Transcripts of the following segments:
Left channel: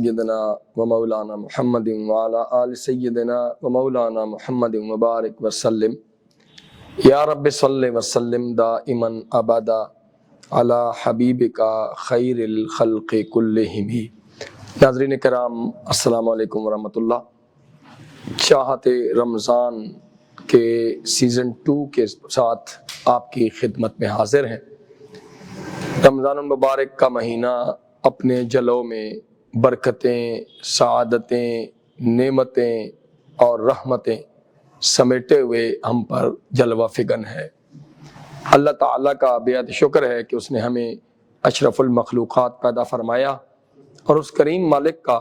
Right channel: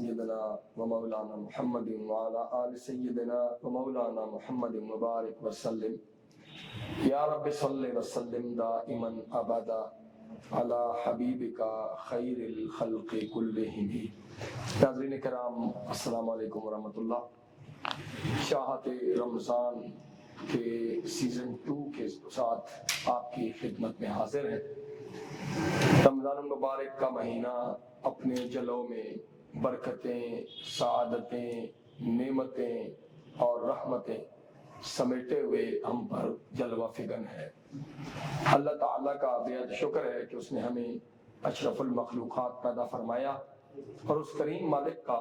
سیدنا و مولانا محمد وعلی آل سیدنا و مولانا محمد مبارک وسلم یا رب صلی وسلم دائما ابدا علی حبیبک خیر الخلق کلہم۔ ناظرین کرام السلام علیکم ورحمۃ اللہ۔ چاہت رمضان کے سیزن 2 کے ساتھ آپ کی خدمت میں حاضر ہیں۔ رمضان المبارک کا مہینہ اپنے جلوں میں برکتیں، سعادتیں، نعمتیں اور رحمتیں سمیٹے ہوئے ہم پر جلوہ فگن ہے۔ اللہ تعالیٰ کا بیعت شکر ہے کہ اس نے ہمیں اشرف المخلوقات پیدا فرمایا، اور اس کریم مالک کا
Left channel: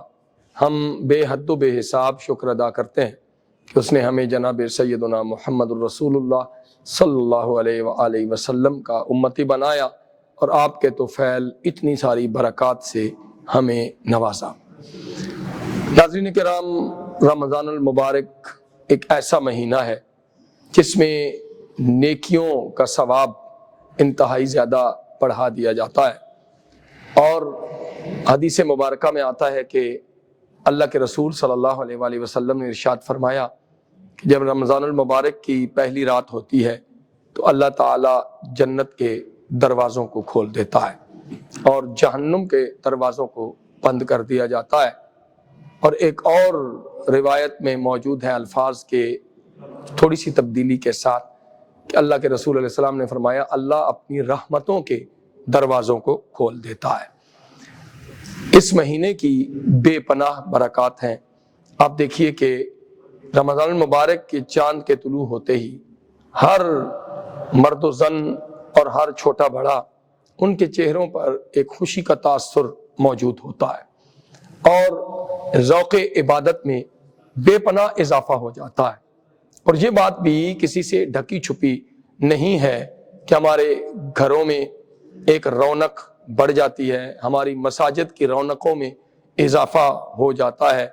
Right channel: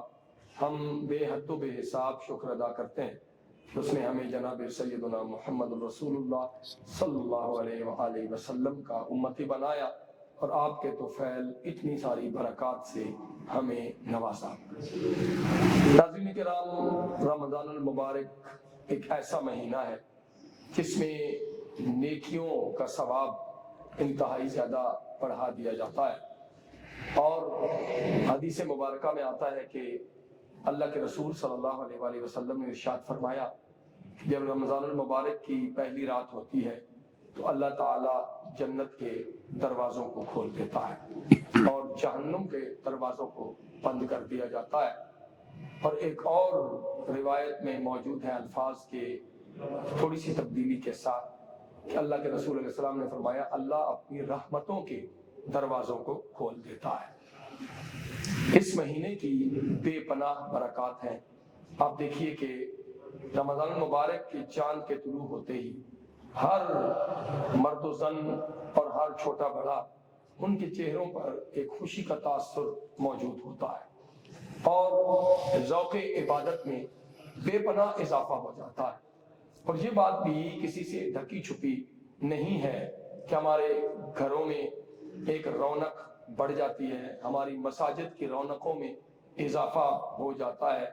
ہم بے حد و بے حساب شکر ادا کرتے ہیں کہ اس نے ہمیں جناب سیدنا محمد الرسول اللہ صلی اللہ علیہ وآلہ وسلم کا امتی بنایا، اور آپ کے طفیل اتنی ساری برکات سے ہمیں نوازا۔ ناظرین کرام، رمضان المبارک ایک ایسا مہینہ ہے جس میں نیکیوں کا ثواب انتہائی زیادہ بڑھا دیا جاتا ہے، اور حدیث مبارکہ میں آتا ہے کہ اللہ کے رسول صلی اللہ علیہ وآلہ وسلم نے ارشاد فرمایا کہ جب رمضان المبارک کی پہلی رات ہوتی ہے تو اللہ تعالیٰ جنت کے دروازوں کو کھول دیتا ہے اور جہنم کے دروازوں کو بند کر دیا جاتا ہے۔ اور ایک اور روایت میں موجود ہے الفاظ کے تھوڑی سی تبدیلی کے ساتھ کہ اللہ کے رسول علیہ السلام نے فرمایا اللہ اپنی رحمتوں کے دروازوں کو کھول دیتا ہے۔ اس مہینے کی بے پناہ برکات ہیں۔ آپ دیکھیے کہ رمضان المبارک کے چاند کے طلوع ہوتے ہی ہر مرد و زن اور ہر چھوٹا بڑا ان کے چہروں پر ایک خوشی کا تاثر موجود ہوتا ہے، اور ذوق عبادت میں بے پناہ اضافہ ہو جاتا ہے۔ اور یہ بات بھی کسی سے ڈھکی چھپی نہیں ہے کہ ہمارے گھروں میں ایک رونق بڑھ جاتی ہے، ہماری مساجد کی رونقوں میں اضافہ ہو جاتا ہے،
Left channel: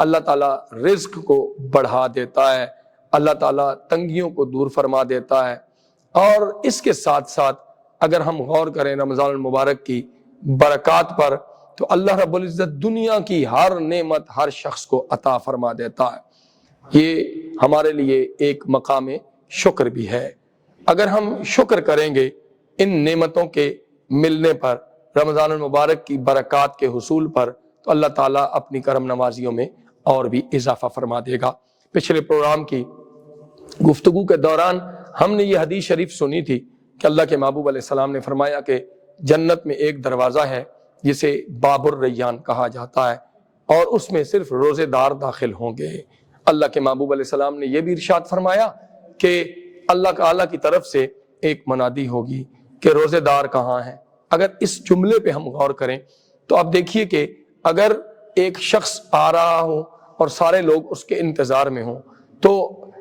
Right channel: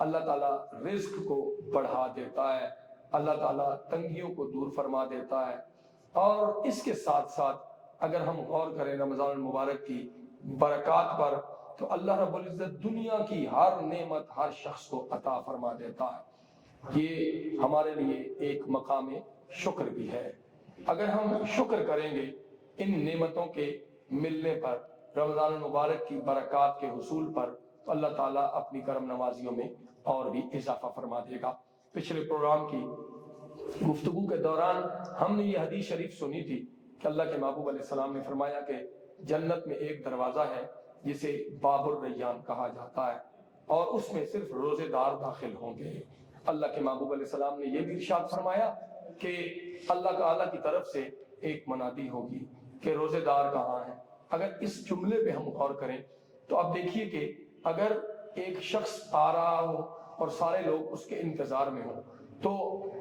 اللہ تعالیٰ رزق کو بڑھا دیتا ہے، اللہ تعالیٰ تنگیوں کو دور فرما دیتا ہے۔ اور اس کے ساتھ ساتھ اگر ہم غور کریں رمضان المبارک کی برکات پر تو اللہ رب العزت دنیا کی ہر نعمت ہر شخص کو عطا فرما دیتا ہے۔ یہ ہمارے لیے ایک مقام شکر بھی ہے۔ اگر ہم شکر کریں گے ان نعمتوں کے ملنے پر، رمضان المبارک کی برکات کے حصول پر، تو اللہ تعالیٰ اپنی کرم نوازیوں میں اور بھی اضافہ فرما دے گا۔ پچھلے پروگرام کی گفتگو کے دوران ہم نے یہ حدیث شریف سنی تھی کہ اللہ کے محبوب علیہ السلام نے فرمایا کہ جنت میں ایک دروازہ ہے جسے باب الریان کہا جاتا ہے، اور اس میں صرف روزے دار داخل ہوں گے۔ اللہ کے محبوب علیہ السلام نے یہ بھی ارشاد فرمایا کہ اللہ تعالیٰ کی طرف سے ایک منادی ہوگی کہ روزے دار کہاں ہیں۔ اگر اس جملے پہ ہم غور کریں تو آپ دیکھیے کہ اگر ایک شخص آ رہا ہو اور سارے لوگ اس کے انتظار میں ہوں تو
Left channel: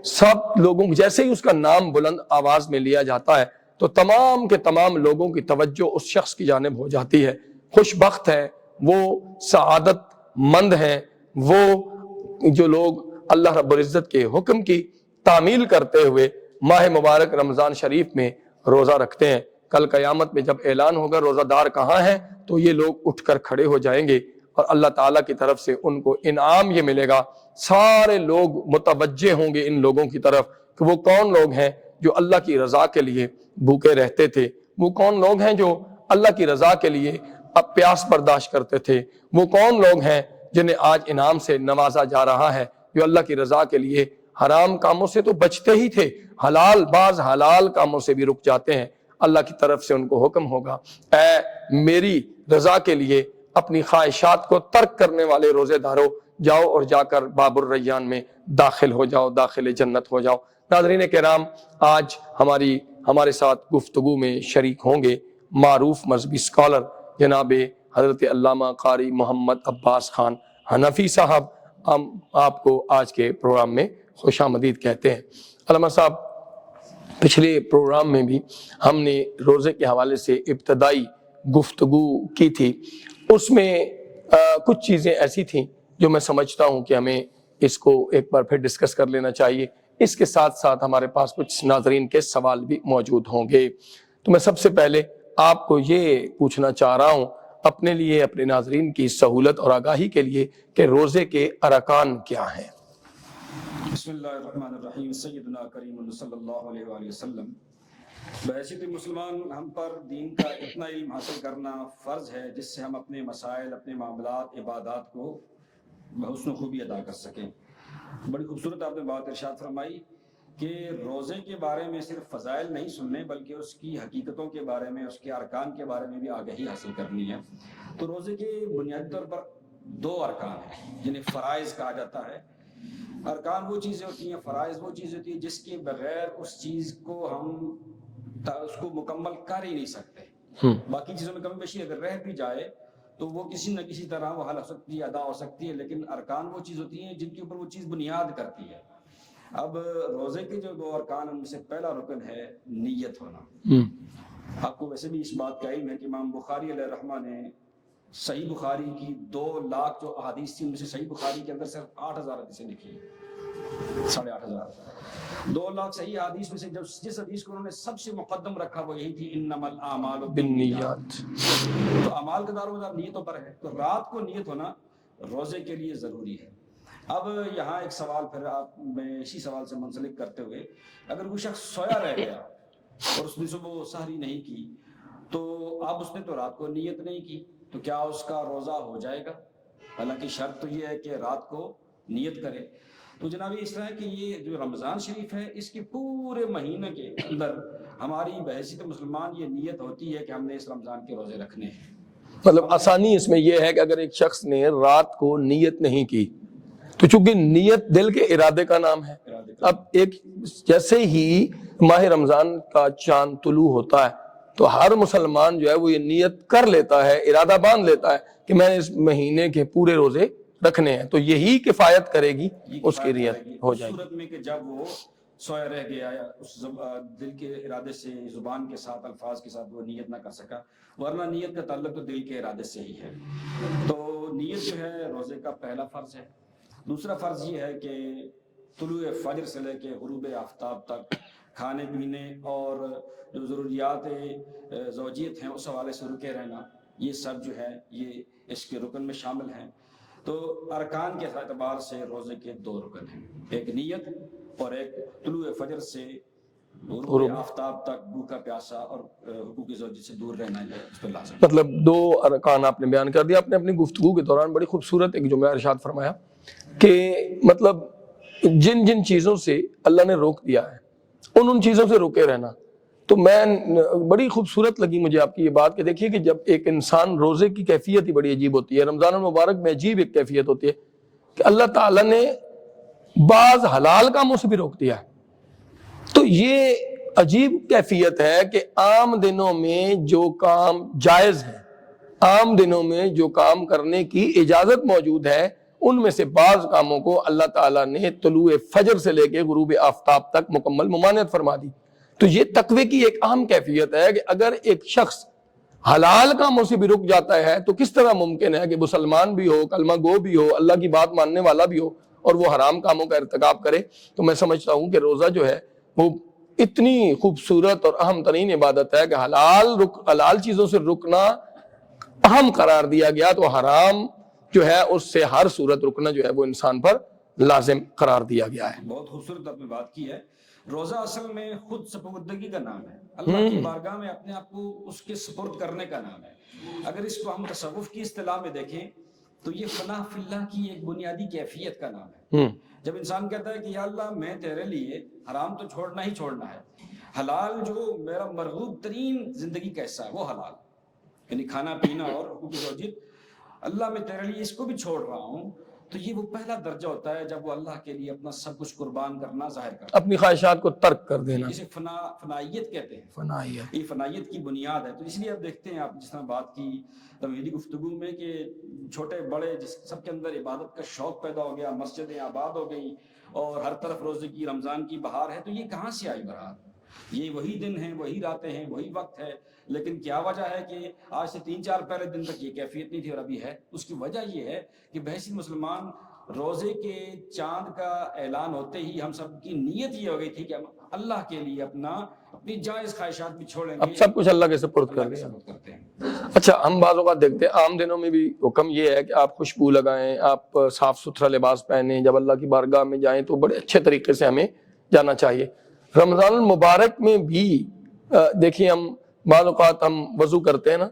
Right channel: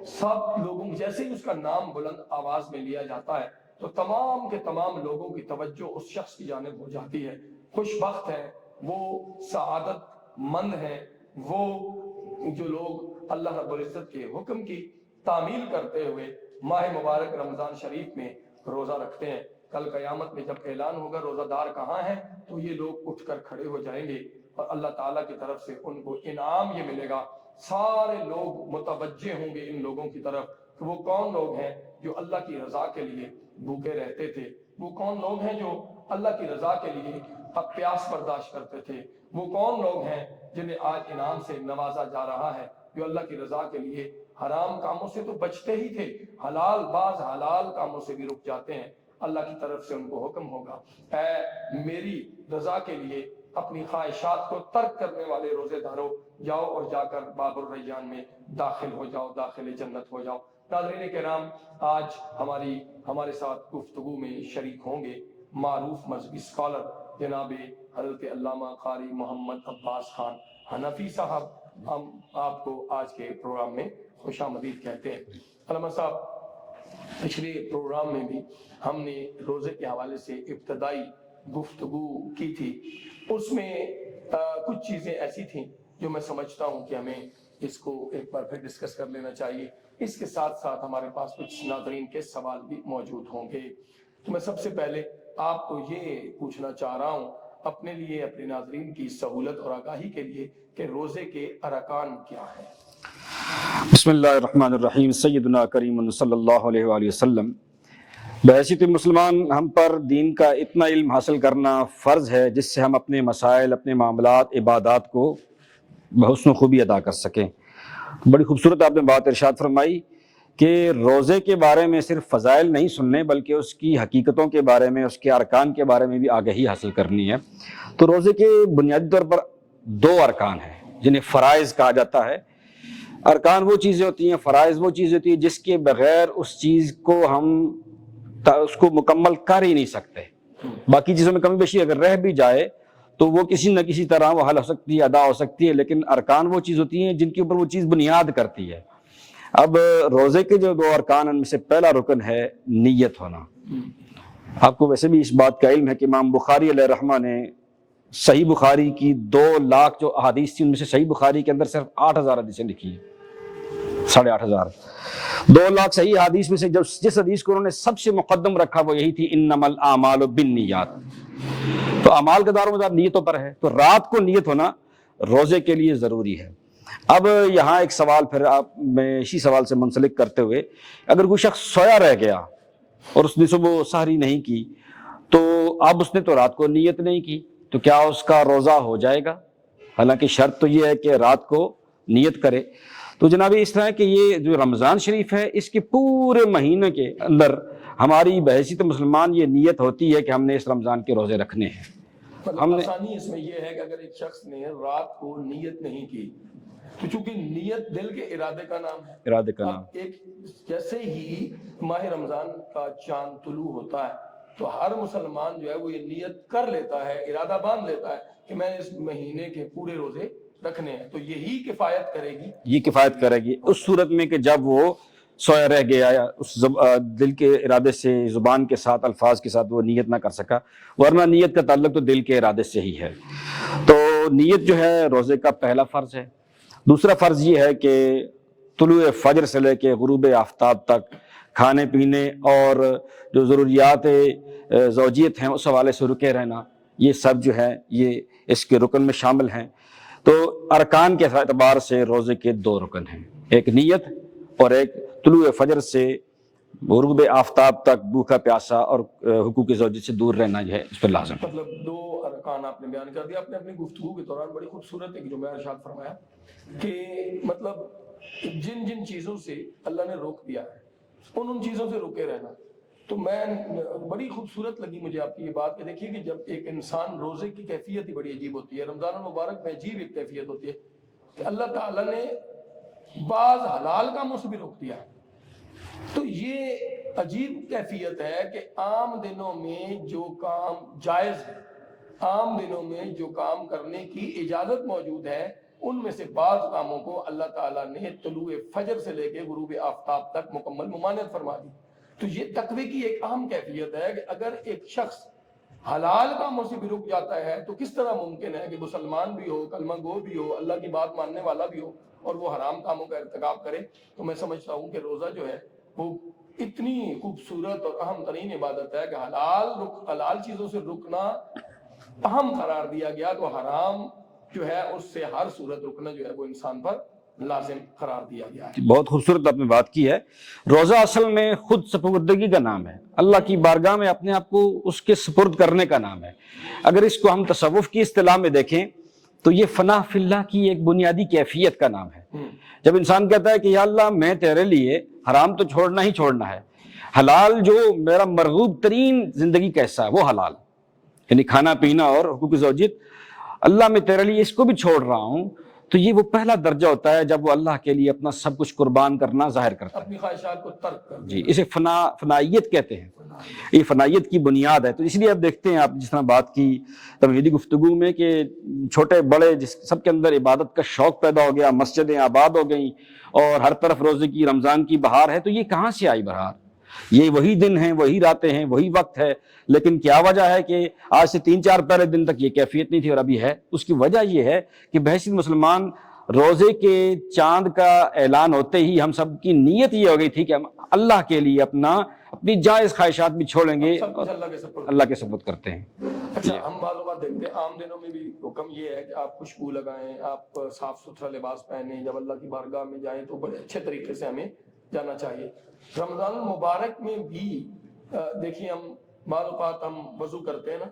سب لوگوں جیسے ہی اس کا نام بلند آواز میں لیا جاتا ہے تو تمام کے تمام لوگوں کی توجہ اس شخص کی جانب ہو جاتی ہے۔ خوش بخت ہے وہ، سعادت مند ہیں وہ جو لوگ اللہ رب العزت کے حکم کی تعمیل کرتے ہوئے ماہ مبارک رمضان شریف میں روزہ رکھتے ہیں۔ کل قیامت میں جب اعلان ہوگا روزہ دار کہاں ہیں تو یہ لوگ اٹھ کر کھڑے ہو جائیں گے، اور اللہ تعالیٰ کی طرف سے ان کو انعام یہ ملے گا۔ سارے لوگ متوجہ ہوں گے ان لوگوں کی طرف کہ وہ کون لوگ ہیں جو اللہ کی رضا کے لیے بھوکے رہتے تھے، وہ کون لوگ ہیں جو اللہ کی رضا کے لیے اب پیاس برداشت کرتے تھے، وہ کون لوگ ہیں جنہیں آج انعام سے نوازا جا رہا ہے، جو اللہ کی رضا کے لیے حرام کاموں سے تو بچتے ہی تھے، بعض حلال کاموں سے بھی رک جاتے ہیں۔ اللہ کی طرف سے ان کو حکم ہوگا اے میری رضا کے لیے اپنی خواہشات کو ترک کرنے والے روزے داروں، جاؤ اور جا کر باب الریان میں داخل ہو جاؤ، داخل جنت ہو جاؤ۔ ناظرین کرام، آج ہمارے ساتھ گفتگو میں شریک ہوں گے معروف مذہبی اسکالر جناب حضرت علامہ قاری محمد عباس خان حنفی صاحب۔ ہم آپ کو آج کے پروگرام میں خوش آمدید کہتے ہیں۔ علامہ صاحب، پچھلے پروگرام میں بھی ہم نے روزے کے حوالے سے ابتدائی گفتگو کی تھی، اس میں کچھ چیزیں ایسی تھیں جو میں سمجھتا ہوں کہ ہمیں اس کو ایک بار پھر ڈسکس کر لینا چاہیے۔ اس کے ساتھ ساتھ ہمارے پاس کچھ ناظرین کے سوال بھی موجود ہوں گے۔ تو میں سب سے پہلے آپ کو یہ پوچھنا چاہ رہا ہوں، اپنے لیے اپنے ناظرین کی سہولت اور آگاہی کے لیے کہ روزے کے ارکان کیا ہیں۔ بسم اللہ الرحمن الرحیم۔ سیدنا کریم صلی اللہ علیہ وآلہ وسلم، بحیثیت مسلمان ہم پر دین کا اتنا علم حاصل کرنا فرض ہے جس سے ہم اپنے مسائل، اپنے معاملات، عبادات کو بحسن و خوبی ادا کر سکیں۔ بڑی خوبصورت آپ نے بات ارشاد فرمائی کہ روزے کے بارے میں صرف فضائل نہیں سننے بلکہ اس کی حقیقتوں کے بارے میں، اس کے ارکان کے بارے میں بھی آگاہی حاصل کرنی ہے۔ تو روزے کے بنیادی طور پر 2 ارکان ہیں جنہیں فرائض کہا جاتا ہے۔ ارکان وہ چیزیں ہوتی ہیں، فرائض وہ چیزیں ہوتی ہیں جس کے بغیر اس چیز کو ہم اس کو مکمل کر ہی نہیں سکتے۔ باقی چیزوں میں کمی بیشی اگر رہ بھی جائے تو وہ کسی نہ کسی طرح وہ حل ہو سکتی ہے، ادا ہو سکتی ہے، لیکن ارکان وہ چیز ہوتی ہیں جن کے اوپر وہ چیز بنیاد کرتی ہے۔ اب روزے کے جو 2 ارکان ان میں سے پہلا رکن ہے نیت ہونا۔ آپ کو ویسے بھی اس بات کا علم ہے کہ امام بخاری علیہ رحمہ نے صحیح بخاری کی 2 لاکھ جو احادیث تھی ان میں سے صحیح بخاری کے اندر صرف 8000 حدیثیں لکھی ہیں، 8500۔ 2 لاکھ صحیح حدیث میں سے جس حدیث کو انہوں نے سب سے مقدم رکھا وہ یہی تھی، انما الاعمال بالنیات۔ تو اعمال کا دار و مدار نیتوں پر ہے، تو رات کو نیت ہونا روزے کے لیے ضروری ہے۔ اب یہاں ایک سوال پھر آپ میں اسی سوال سے منسلک کرتے ہوئے، اگر کوئی شخص سویا رہ گیا اور اس نے صبح سحری نہیں کی تو اب اس نے تو رات کو نیت نہیں کی، تو کیا اس کا روزہ ہو جائے گا؟ حالانکہ شرط تو یہ ہے کہ رات کو نیت کرے۔ تو جناب اس طرح ہے کہ یہ جو رمضان شریف ہے اس کے پورے مہینے کے اندر ہماری بحیثیت مسلمان یہ نیت ہوتی ہے کہ ہم نے اس رمضان کے روزے رکھنے ہیں۔ مطلب آسانی اس میں یہ ہے کہ اگر ایک شخص نے رات کو نیت نہیں کی تو چونکہ نیت دل کے ارادے کا نام ہے، ارادے کا اب نام، ایک جیسے ہی ماہ رمضان کا چاند طلوع ہوتا ہے تو ہر مسلمان جو ہے وہ یہ نیت کر لیتا ہے، ارادہ باندھ لیتا ہے کہ میں نے اس مہینے کے پورے روزے رکھنے ہیں، تو یہی کفایت کرے گی، یہ کفایت کرے گی اس صورت میں کہ جب وہ سویا رہ گیا یا اس دل کے ارادے سے، زبان کے ساتھ، الفاظ کے ساتھ وہ نیت نہ کر سکا، ورنہ نیت کا تعلق تو دل کے ارادے سے ہی ہے۔ تو نیت جو ہے روزے کا پہلا فرض ہے۔ دوسرا فرض یہ ہے کہ طلوع فجر سے لے کے غروب آفتاب تک کھانے پینے اور جو ضروریات زوجیت ہیں اس حوالے سے رکے رہنا، یہ سب جو ہے یہ اس کے رکن میں شامل ہیں۔ تو ارکان کے اعتبار سے روزے کے 2 رکن ہیں، ایک نیت اور ایک طلوع فجر سے غروب آفتاب تک بھوکا پیاسا اور حقوق زوجیت سے دور رہنا جو ہے اس پر لازم۔ مطلب 2 ارکان آپ نے بیان کر دیا۔ آپ نے اپنی گفتگو کے دوران بڑی خوبصورت ایک جملہ ارشاد فرمایا کہ مطلب جن جن چیزوں سے اللہ نے روک دیا ہے ان چیزوں سے روکے رہنا۔ تو میں بڑی خوبصورت لگی مجھے آپ کی یہ بات کہ دیکھیے کہ جب ایک انسان روزے کی کیفیت ہی بڑی عجیب ہوتی ہے، رمضان المبارک میں عجیب ایک کیفیت ہوتی ہے کہ اللہ تعالیٰ نے بعض حلال کاموں سے بھی روک دیا ہے۔ تو یہ عجیب کیفیت ہے کہ عام دنوں میں جو کام جائز ہے، عام دنوں میں جو کام کرنے کی اجازت موجود ہے، ان میں سے بعض کاموں کو اللہ تعالیٰ نے طلوع فجر سے لے کے غروب آفتاب تک مکمل ممانعت فرما دی۔ تو یہ تقوی کی ایک عام کیفیت ہے کہ اگر ایک شخص حلال کاموں سے بھی رک جاتا ہے تو کس طرح ممکن ہے کہ مسلمان بھی ہو، کلمہ گو بھی ہو، اللہ کی بات ماننے والا بھی ہو اور وہ حرام کاموں کا ارتکاب کرے۔ تو میں سمجھتا ہوں کہ روزہ جو ہے وہ اتنی خوبصورت اور اہم ترین عبادت ہے کہ حلال چیزوں سے رکنا اہم قرار دیا گیا، تو حرام جو ہے اس سے ہر صورت رکنا جو ہے وہ انسان پر لازم قرار دیا گیا ہے۔ بہت خوبصورت آپ نے بات کی ہے۔ روزہ اصل میں خود سپردگی کا نام ہے، اللہ کی بارگاہ میں اپنے آپ کو اس کے سپرد کرنے کا نام ہے۔ اگر اس کو ہم تصوف کی اصطلاح میں دیکھیں تو یہ فنا فی اللہ کی ایک بنیادی کیفیت کا نام ہے۔ جب انسان کہتا ہے کہ یا اللہ میں تیرے لیے حرام تو چھوڑنا ہی چھوڑنا ہے، حلال جو میرا مرغوب ترین زندگی کا حصہ ہے وہ حلال، یعنی کھانا پینا اور حقوق زوجیت، اللہ میں تیرے لیے اس کو بھی چھوڑ رہا ہوں، تو یہ وہ پہلا درجہ ہوتا ہے جب وہ اللہ کے لیے اپنا سب کچھ قربان کرنا ظاہر کرتا ہے، اپنی خواہشات کو ترک کر دینا، اسے فنائیت کہتے ہیں۔ یہ فنائیت کی بنیاد ہے۔ تو اس لیے آپ دیکھتے ہیں، آپ جس طرح بات کی تمہیدی گفتگو میں کہ چھوٹے بڑے سب کے اندر عبادت کا شوق پیدا ہو گیا، مسجدیں آباد ہو گئیں اور ہر طرف روزے کی رمضان کی بہار ہے، تو یہ کہاں سے آئی بہار؟ یہ وہی دن ہیں، وہی راتیں ہیں، وہی وقت ہے، لیکن کیا وجہ ہے کہ آج سے 3-4 پہلے دن تک یہ کیفیت نہیں تھی اور ابھی ہے؟ اس کی وجہ یہ ہے کہ بحیثیت مسلمان روزے کے چاند کا اعلان ہوتے ہی ہم سب کی نیت یہ ہو گئی تھی کہ ہم اللہ کے لیے اپنی جائز خواہشات بھی چھوڑیں گے، سب کچھ اللہ کے سپرد اللہ کے سپرد کرتے ہیں۔ اچھا، ہم بعض اوقات دیکھتے ہیں عام دنوں میں بھی حکم یہ ہے کہ آپ خوشبو لگائیں، آپ صاف ستھرا لباس پہنیں، جب اللہ کی بارگاہ میں جائیں تو بڑے اچھے طریقے سے ہمیں جانا چاہیے۔ رمضان المبارک میں بھی دیکھیں، ہم بعض اوقات ہم وضو کرتے ہیں نا،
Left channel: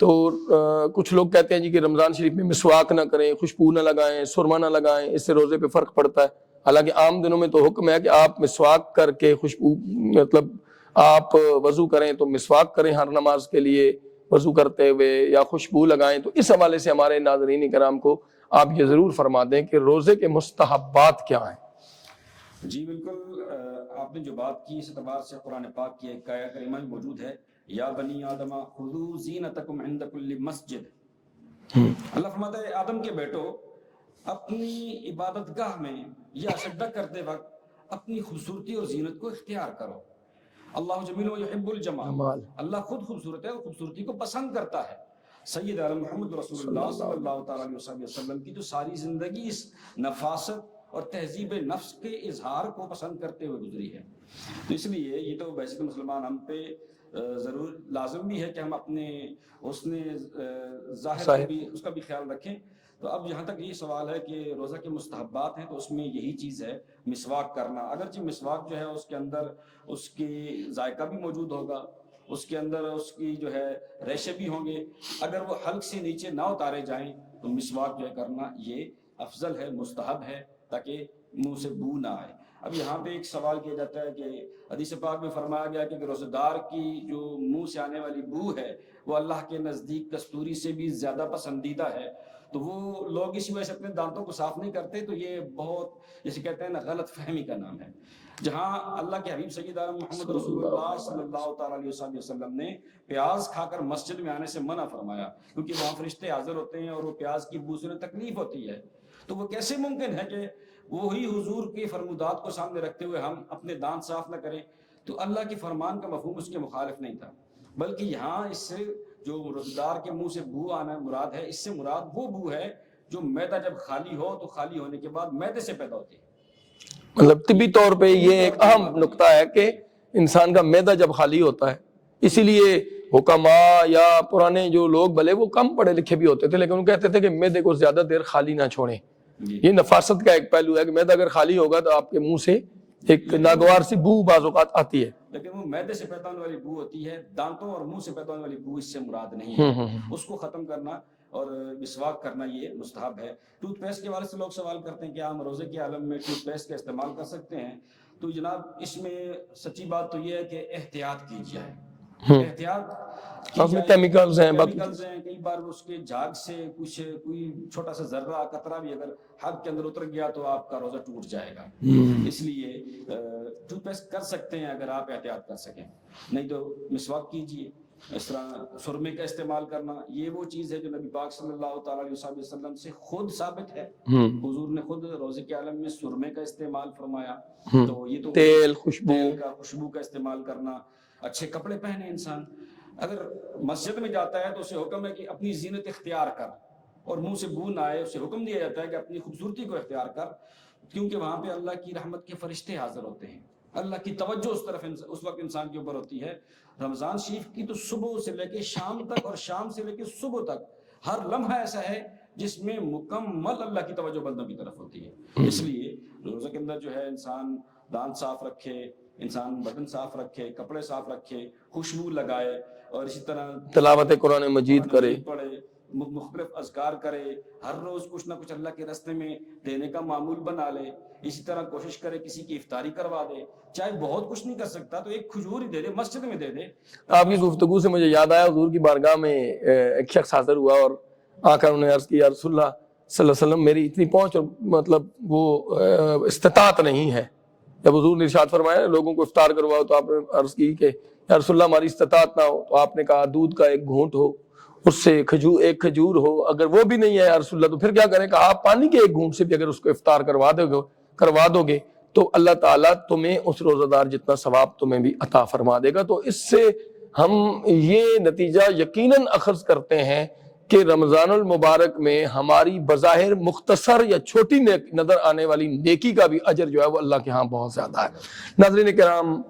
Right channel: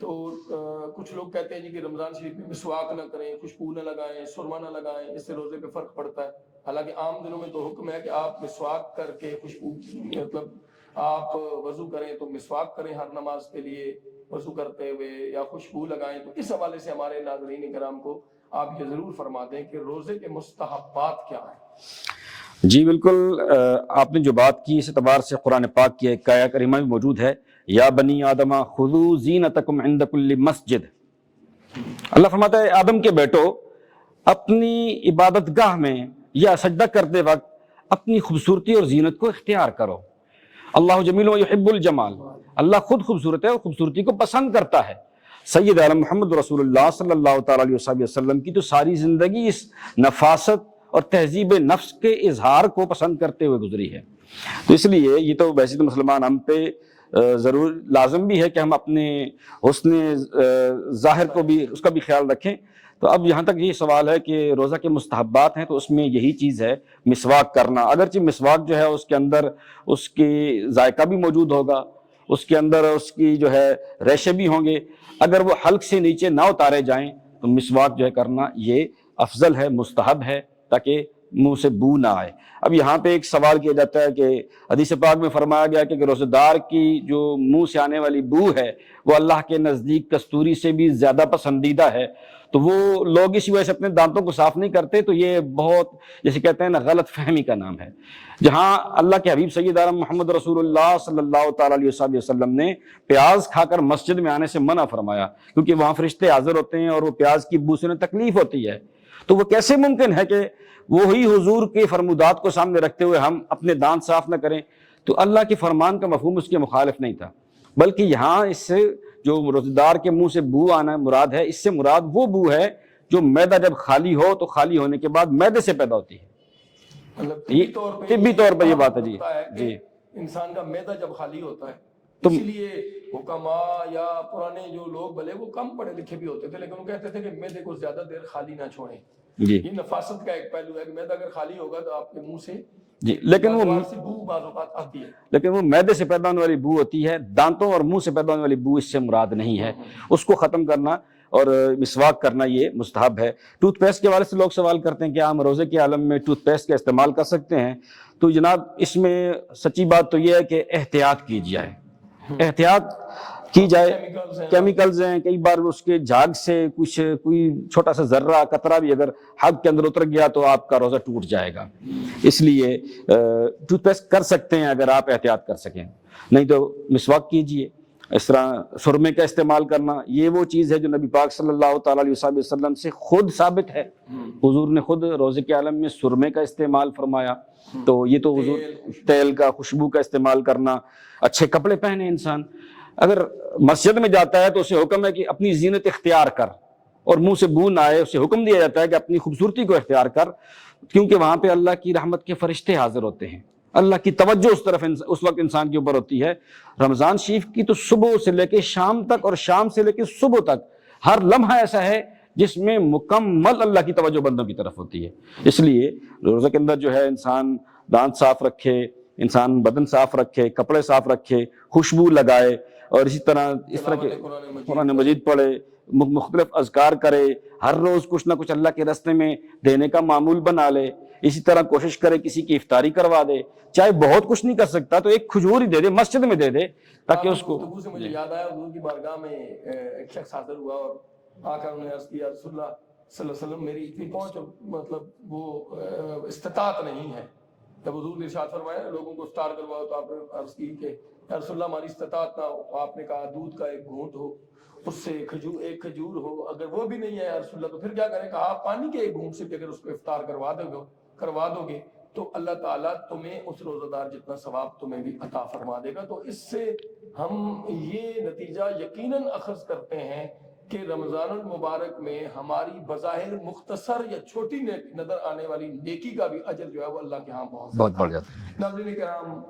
تو کچھ لوگ کہتے ہیں جی کہ رمضان شریف میں مسواک نہ کریں، خوشبو نہ لگائیں، سرما نہ لگائیں، اس سے روزے پہ فرق پڑتا ہے۔ حالانکہ عام دنوں میں تو حکم ہے کہ آپ مسواک کر کے خوشبو، مطلب آپ وضو کریں تو مسواک کریں ہر نماز کے لیے وضو کرتے ہوئے، یا خوشبو لگائیں۔ تو اس حوالے سے ہمارے ناظرین کرام کو آپ یہ ضرور فرما دیں کہ روزے کے مستحبات کیا ہیں۔ جی بالکل، آپ نے جو بات کی اس اعتبار سے قرآن پاک کی ایک آیہ کریمہ بھی موجود ہے، یا بنی آدم خذوا زینتکم عند کل مسجد۔ اللہ فرماتا ہے آدم کے بیٹو، اپنی عبادت گاہ میں یا سجدہ کرتے وقت اپنی خوبصورتی اور زینت کو اختیار کرو۔ اللہ جمیل و یحب الجمال، اللہ خود خوبصورت ہے اور خوبصورتی کو پسند کرتا ہے۔ سید عالم محمد رسول اللہ صلی اللہ تعالیٰ علیہ وسلم کی تو ساری زندگی اس نفاست اور تہذیب نفس کے اظہار کو پسند کرتے ہوئے گزری ہے۔ تو اس لیے یہ تو بحیثیت مسلمان ہم پہ ضرور لازم بھی ہے کہ ہم اپنے حسن ظاہر کو بھی، اس کا بھی خیال رکھیں۔ تو اب یہاں تک یہ سوال ہے کہ روزہ کے مستحبات ہیں، تو اس میں یہی چیز ہے مسواک کرنا۔ اگرچہ مسواک جو ہے اس کے اندر اس کی ذائقہ بھی موجود ہوگا، اس کے اندر اس کی جو ہے ریشے بھی ہوں گے، اگر وہ حلق سے نیچے نہ اتارے جائیں تو مسواک جو ہے کرنا یہ افضل ہے، مستحب ہے، تاکہ منہ سے بو نہ آئے۔ اب یہاں پہ ایک سوال کیا جاتا ہے کہ حدیث پاک میں فرمایا گیا کہ روزہ دار کی جو منہ سے آنے والی بو ہے وہ اللہ کے نزدیک کستوری سے بھی زیادہ پسندیدہ ہے، تو وہ لوگ اسی وجہ سے اپنے دانتوں کو صاف نہیں کرتے۔ تو یہ بہت، جیسے کہتے ہیں نا، غلط فہمی کا نام ہے۔ جہاں اللہ کے حبیب سید عالم محمد رسول اللہ صلی اللہ تعالیٰ علیہ وسلم نے پیاز کھا کر مسجد میں آنے سے منع فرمایا، کیونکہ وہاں فرشتے حاضر ہوتے ہیں اور وہ پیاز کی بو سے انہیں تکلیف ہوتی ہے، تو وہ کیسے ممکن ہے کہ وہی حضور کے فرمودات کو سامنے رکھتے ہوئے ہم اپنے دانت صاف نہ کریں؟ تو اللہ کے فرمان کا مفہوم اس کے مخالف نہیں تھا، بلکہ یہاں اس سے جو روزہ دار کے منہ سے بو آنا مراد ہے، اس سے مراد وہ بو ہے جو معدہ جب خالی ہو تو خالی ہونے کے بعد معدے سے پیدا ہوتی ہے۔ مطلب طبی طور پہ یہ بات نقطہ ہے کہ انسان کا معدہ جب خالی ہوتا ہے، اسی لیے حکماء یا پرانے جو لوگ بھلے وہ کم پڑھے لکھے بھی ہوتے تھے، لیکن وہ کہتے تھے کہ معدے کو زیادہ دیر خالی نہ چھوڑیں۔ یہ نفاست کا ایک پہلو ہے کہ معدہ اگر خالی ہوگا تو آپ کے منہ سے ایک ناگوار سی بو بعض اوقات آتی ہے، لیکن وہ معدے سے پیدا ہونے والی بو ہوتی ہے، دانتوں اور منہ سے پیدا ہونے والی بو اس سے مراد نہیں ہے۔ اس کو ختم کرنا اور مسواک کرنا یہ مستحب ہے۔ ٹوتھ پیسٹ کے حوالے سے لوگ سوال کرتے ہیں کہ ہم روزے کے عالم میں ٹوتھ پیسٹ کا استعمال کر سکتے ہیں؟ تو جناب اس میں سچی بات تو یہ ہے کہ احتیاط کی جائے، احتیاط کی جائے۔ کیمیکلز ہیں، کئی بار اس کے جھاگ سے کوئی چھوٹا سا ذرہ قطرہ بھی اگر حلق کے اندر اتر گیا تو آپ کا روزہ ٹوٹ جائے گا۔ اس لیے ٹوتھ پیسٹ کر سکتے ہیں اگر آپ احتیاط کر سکیں، نہیں تو مسواک کیجئے۔ اس طرح سرمے کا استعمال کرنا یہ وہ چیز ہے جو نبی پاک صلی اللہ تعالیٰ علیہ وسلم سے خود ثابت ہے، حضور نے خود روزے کے عالم میں سرمے کا استعمال فرمایا۔ تو یہ تو تیل کا، خوشبو کا استعمال کرنا، اچھے کپڑے پہنے انسان۔ اگر مسجد میں جاتا ہے تو اسے حکم ہے کہ اپنی زینت اختیار کر، اور منہ سے بو نہ آئے، اسے حکم دیا جاتا ہے کہ اپنی خوبصورتی کو اختیار کر، کیونکہ وہاں پہ اللہ کی رحمت کے فرشتے حاضر ہوتے ہیں، اللہ کی توجہ اس طرف اس وقت انسان کے اوپر ہوتی ہے۔ رمضان شریف کی تو صبح سے لے کے شام تک اور شام سے لے کے صبح تک ہر لمحہ ایسا ہے جس میں مکمل اللہ کی توجہ بندوں کی طرف ہوتی ہے۔ اس لیے روزہ کے اندر جو ہے انسان دانت صاف رکھے، انسان بدن صاف رکھے، کپڑے صاف رکھے، خوشبو لگائے، اور اسی طرح تلاوت قرآن مجید پڑھے، مختلف اذکار کرے، ہر روز کچھ نہ کچھ اللہ کے راستے میں دینے کا معمول بنا لے۔ اسی طرح کوشش کرے کسی کی افطاری کروا دے، چاہے بہت کچھ نہیں کر سکتا تو ایک کھجور ہی دے دے، مسجد میں دے دے۔ آپ کی گفتگو سے مجھے یاد آیا، حضور کی بارگاہ میں ایک شخص حاضر ہوا اور آ کر انہوں نے عرض کی، یا رسول اللہ صلی اللہ علیہ وسلم، میری اتنی پہنچ اور مطلب وہ استطاعت نہیں ہے۔ جب حضور نے ارشاد فرمایا لوگوں کو افطار کرواؤ تو آپ نے عرض کی کہ یا رسول اللہ ہماری استطاعت نہ ہو، تو آپ نے کہا دودھ کا ایک گھونٹ ہو، اس سے ایک کھجور ہو، اگر وہ بھی نہیں ہے یا رسول اللہ تو پھر کیا کریں؟ کہا آپ پانی کے ایک گھونٹ سے بھی اگر اس کو افطار کروا دو گے تو اللہ تعالیٰ تمہیں اس روزہ دار جتنا ثواب تمہیں بھی عطا فرما دے گا۔ تو اس سے ہم یہ نتیجہ یقیناً اخذ کرتے ہیں کہ رمضان المبارک میں ہماری بظاہر مختصر یا چھوٹی نظر آنے والی نیکی کا بھی اجر جو ہے وہ اللہ کے ہاں بہت زیادہ ہے۔ ناظرین کرام،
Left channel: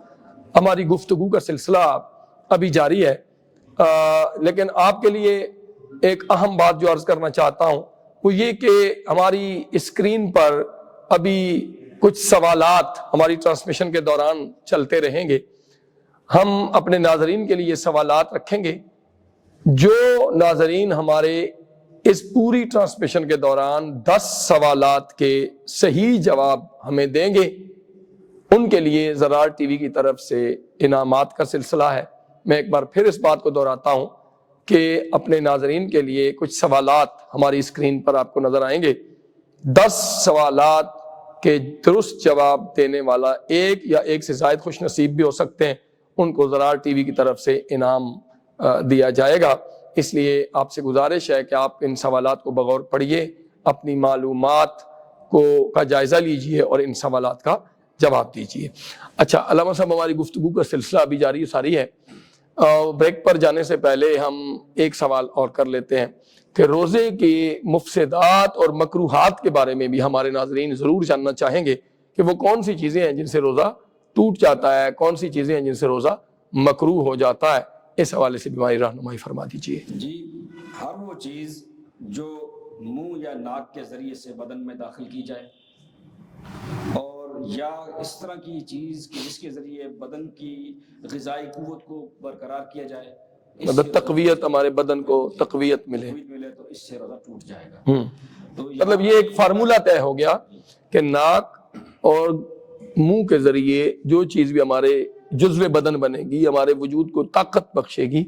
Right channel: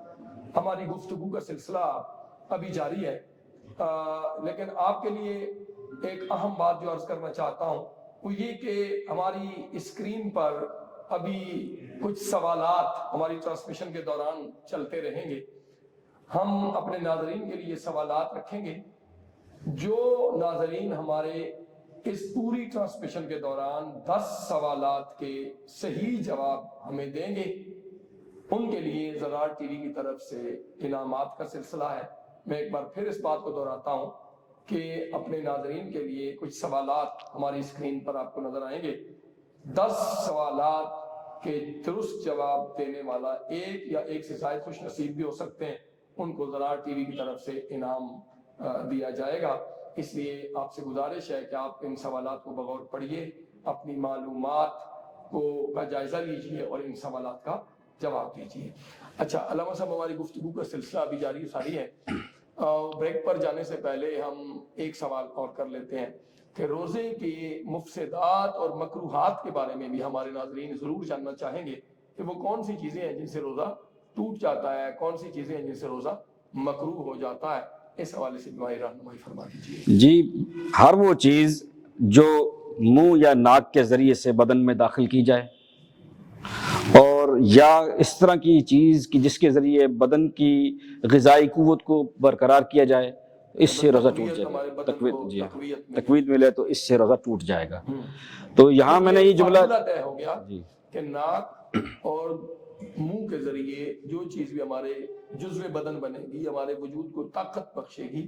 ہماری گفتگو کا سلسلہ ابھی جاری ہے، لیکن آپ کے لیے ایک اہم بات جو عرض کرنا چاہتا ہوں وہ یہ کہ ہماری اسکرین پر ابھی کچھ سوالات ہماری ٹرانسمیشن کے دوران چلتے رہیں گے. ہم اپنے ناظرین کے لیے سوالات رکھیں گے. جو ناظرین ہمارے اس پوری ٹرانسمیشن کے دوران 10 سوالات کے صحیح جواب ہمیں دیں گے، ان کے لیے زرار ٹی وی کی طرف سے انعامات کا سلسلہ ہے. میں ایک بار پھر اس بات کو دہراتا ہوں کہ اپنے ناظرین کے لیے کچھ سوالات ہماری اسکرین پر آپ کو نظر آئیں گے. 10 سوالات کے درست جواب دینے والا ایک یا ایک سے زائد خوش نصیب بھی ہو سکتے ہیں، ان کو زرار ٹی وی کی طرف سے انعام دیا جائے گا. اس لیے آپ سے گزارش ہے کہ آپ ان سوالات کو بغور پڑھیے، اپنی معلومات کا جائزہ لیجئے اور ان سوالات کا جواب دیجئے. اچھا علامہ صاحب، ہماری گفتگو کا سلسلہ ابھی جاری ساری ہے. بریک پر جانے سے پہلے ہم ایک سوال اور کر لیتے ہیں کہ روزے کے مفسدات اور مکروہات کے بارے میں بھی ہمارے ناظرین ضرور جاننا چاہیں گے کہ وہ کون سی چیزیں ہیں جن سے روزہ ٹوٹ جاتا ہے، کون سی چیزیں ہیں جن سے روزہ مکروہ ہو جاتا ہے. اس حوالے سے بھی ہماری رہنمائی فرما دیجیے. جی، ہر وہ چیز جو منہ یا ناک کے ذریعے سے بدن میں داخل کی جائے، اور یا اس طرح کی چیز کی جس کے ذریعے بدن کی غذائی قوت کو برقرار کیا جائے، اس سے تقویت ہمارے بدن کو تقویت ملے تو اس سے روزہ ٹوٹ جائے گا. تو یہاں میں یہ فارمولہ طے ہو گیا کہ ناک اور منہ کے ذریعے جو چیز بھی ہمارے جزو بدن بنے گی، ہمارے وجود کو طاقت بخشے گی،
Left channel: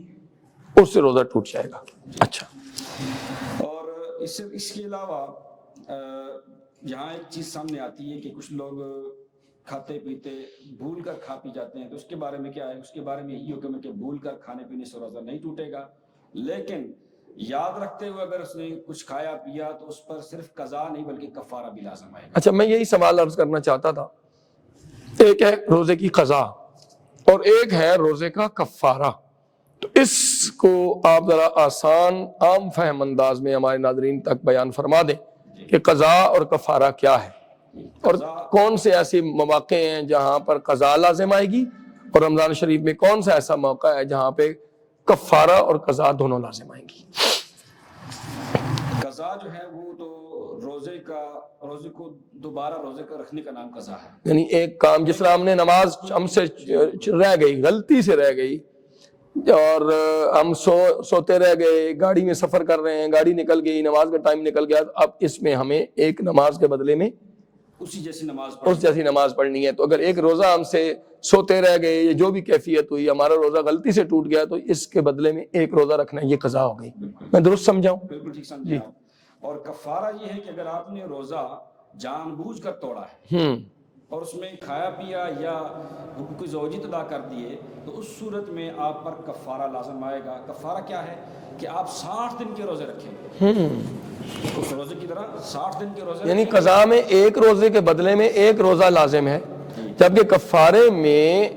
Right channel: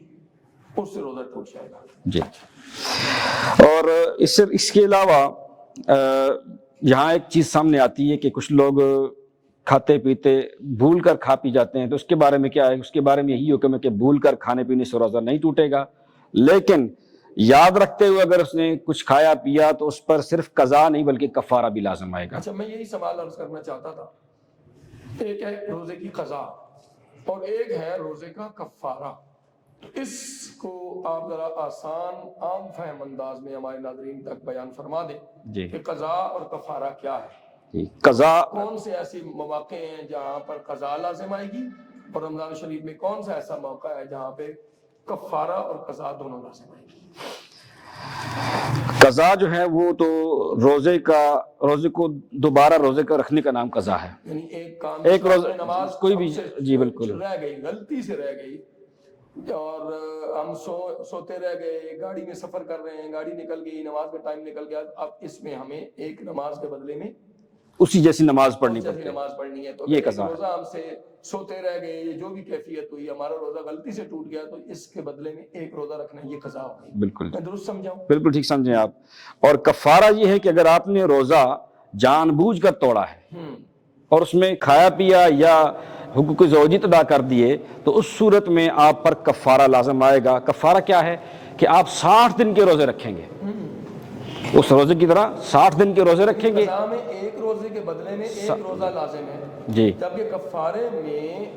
اس سے روزہ ٹوٹ جائے گا. اچھا، اور اس کے علاوہ یہاں ایک چیز سامنے آتی ہے کہ کچھ لوگ کھاتے پیتے بھول کر کھا پی جاتے ہیں. تو اس کے بارے میں کیا ہے؟ اس کے بارے میں یہی حکم ہے کہ بھول کر کھانے پینے سے روزہ نہیں ٹوٹے گا، لیکن یاد رکھتے ہوئے اگر اس نے کچھ کھایا پیا تو اس پر صرف قضا نہیں بلکہ کفارہ بھی لازم آئے گا. اچھا، میں یہی سوال عرض کرنا چاہتا تھا. ایک ہے روزے کی قضا اور ایک ہے روزے کا کفارہ. تو اس کو آپ ذرا آسان عام فہم انداز میں ہمارے ناظرین تک بیان فرما دیں کہ قضا اور کفارہ کیا ہے. قضا کون سے ایسے مواقع ہیں جہاں پر قضا لازم آئے گی، اور رمضان شریف میں کون سا ایسا موقع ہے جہاں پہ کفارہ اور قضا دونوں لازم آئیں گی؟ قضا جو ہے وہ تو روزے کو دوبارہ روزے کا رکھنے کا نام قضا ہے. یعنی ایک کام جس طرح ہم نے نماز ہم سے رہ گئی، غلطی سے رہ گئی، اور ہم سوتے رہ گئے، گاڑی میں سفر کر رہے ہیں، گاڑی نکل گئی، نماز کا ٹائم نکل گیا، اب اس میں ہمیں ایک نماز کے بدلے میں اسی جیسی نماز پڑھنی ہے. تو اگر ایک روزہ ہم سے سوتے رہ گئے، یہ جو بھی کیفیت ہوئی، ہمارا روزہ غلطی سے ٹوٹ گیا، تو اس کے بدلے میں ایک روزہ رکھنا، یہ قضا ہو گئی. بالکل میں درست سمجھاؤں؟ بالکل ٹھیک سمجھیں آپ. اور کفارہ یہ ہے کہ اگر آپ نے روزہ جان بوجھ کر توڑا ہے اور اس میں کھایا پیا یا حقوق زوجیت ادا کر دیے، تو اس صورت میں آپ پر کفارہ لازم آئے گا. کفارہ کیا ہے کہ آپ 60 دن کے روزے رکھیں گے، اس روزے کی طرح 60 دن کے روزے رکھیں گے. قضا میں ایک روزے کے بدلے میں ایک روزہ لازم ہے، جبکہ کفارے میں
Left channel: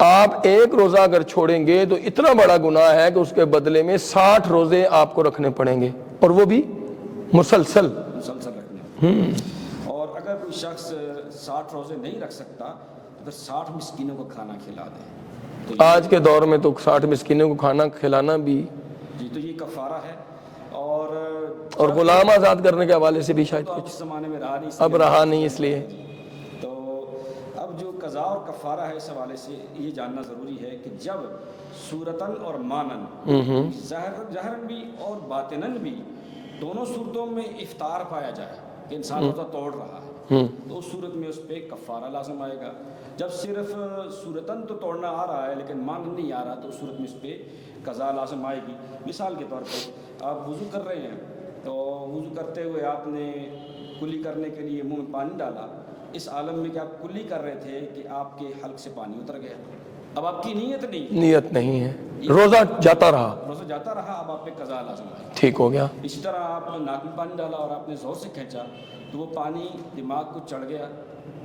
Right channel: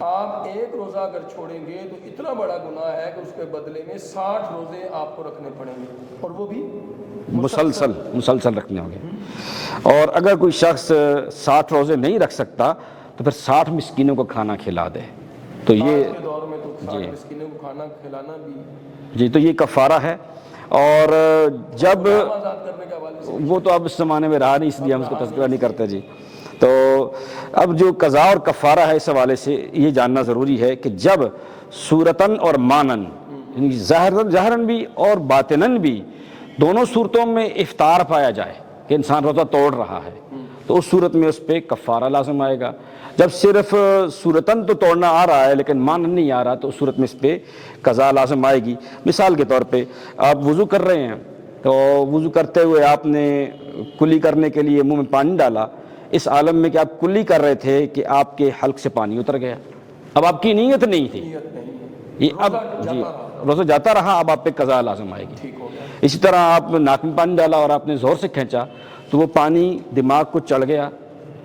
آپ ایک روزہ اگر چھوڑیں گے تو اتنا بڑا گناہ ہے کہ اس کے بدلے میں 60 روزے آپ کو رکھنے پڑیں گے، اور وہ بھی مسلسل رکھنے ہوں گے. اور اگر کوئی شخص 60 روزے نہیں رکھ سکتا تو پھر 60 مسکینوں کو کھانا کھلا دے. تو آج کے دور میں تو 60 مسکینوں کو کھانا کھلانا بھی تو یہ کفارہ ہے. اور جب غلام آزاد کرنے کے حوالے سے بھی وہ تو اب اس زمانے میں رہا نہیں کرتا. تو اب جو قضا اور کفارہ ہے، اس حوالے سے یہ جاننا ضروری ہے کہ جب صورتاً اور مانن، ظاہراً بھی اور باطناً بھی، دونوں صورتوں میں افطار پایا جائے کہ انسان روزہ توڑ رہا ہے، تو اس صورت میں اس پہ کفارہ لازم آئے گا. جب صرف صورتاً تو توڑنا آ رہا ہے لیکن مانن نہیں آ رہا، تو اس صورت میں اس پہ قضا لازم آئے گی. مثال کے طور پہ آپ وضو کر رہے ہیں، تو وضو کرتے ہوئے آپ نے کلی کرنے کے لیے منہ میں پانی ڈالا، اس عالم میں کہ آپ کلی کر رہے تھے کہ آپ کے حلق سے پانی اتر گیا. اب آپ کی نیت نہیں ہے، روزہ جاتا رہا، اب آپ پہ قضا لازم آئے گی. ٹھیک ہو گیا. اسی طرح آپ ناک میں پانی ڈالا اور آپ نے زور سے کھینچا تو وہ پانی دماغ کو چڑھ گیا،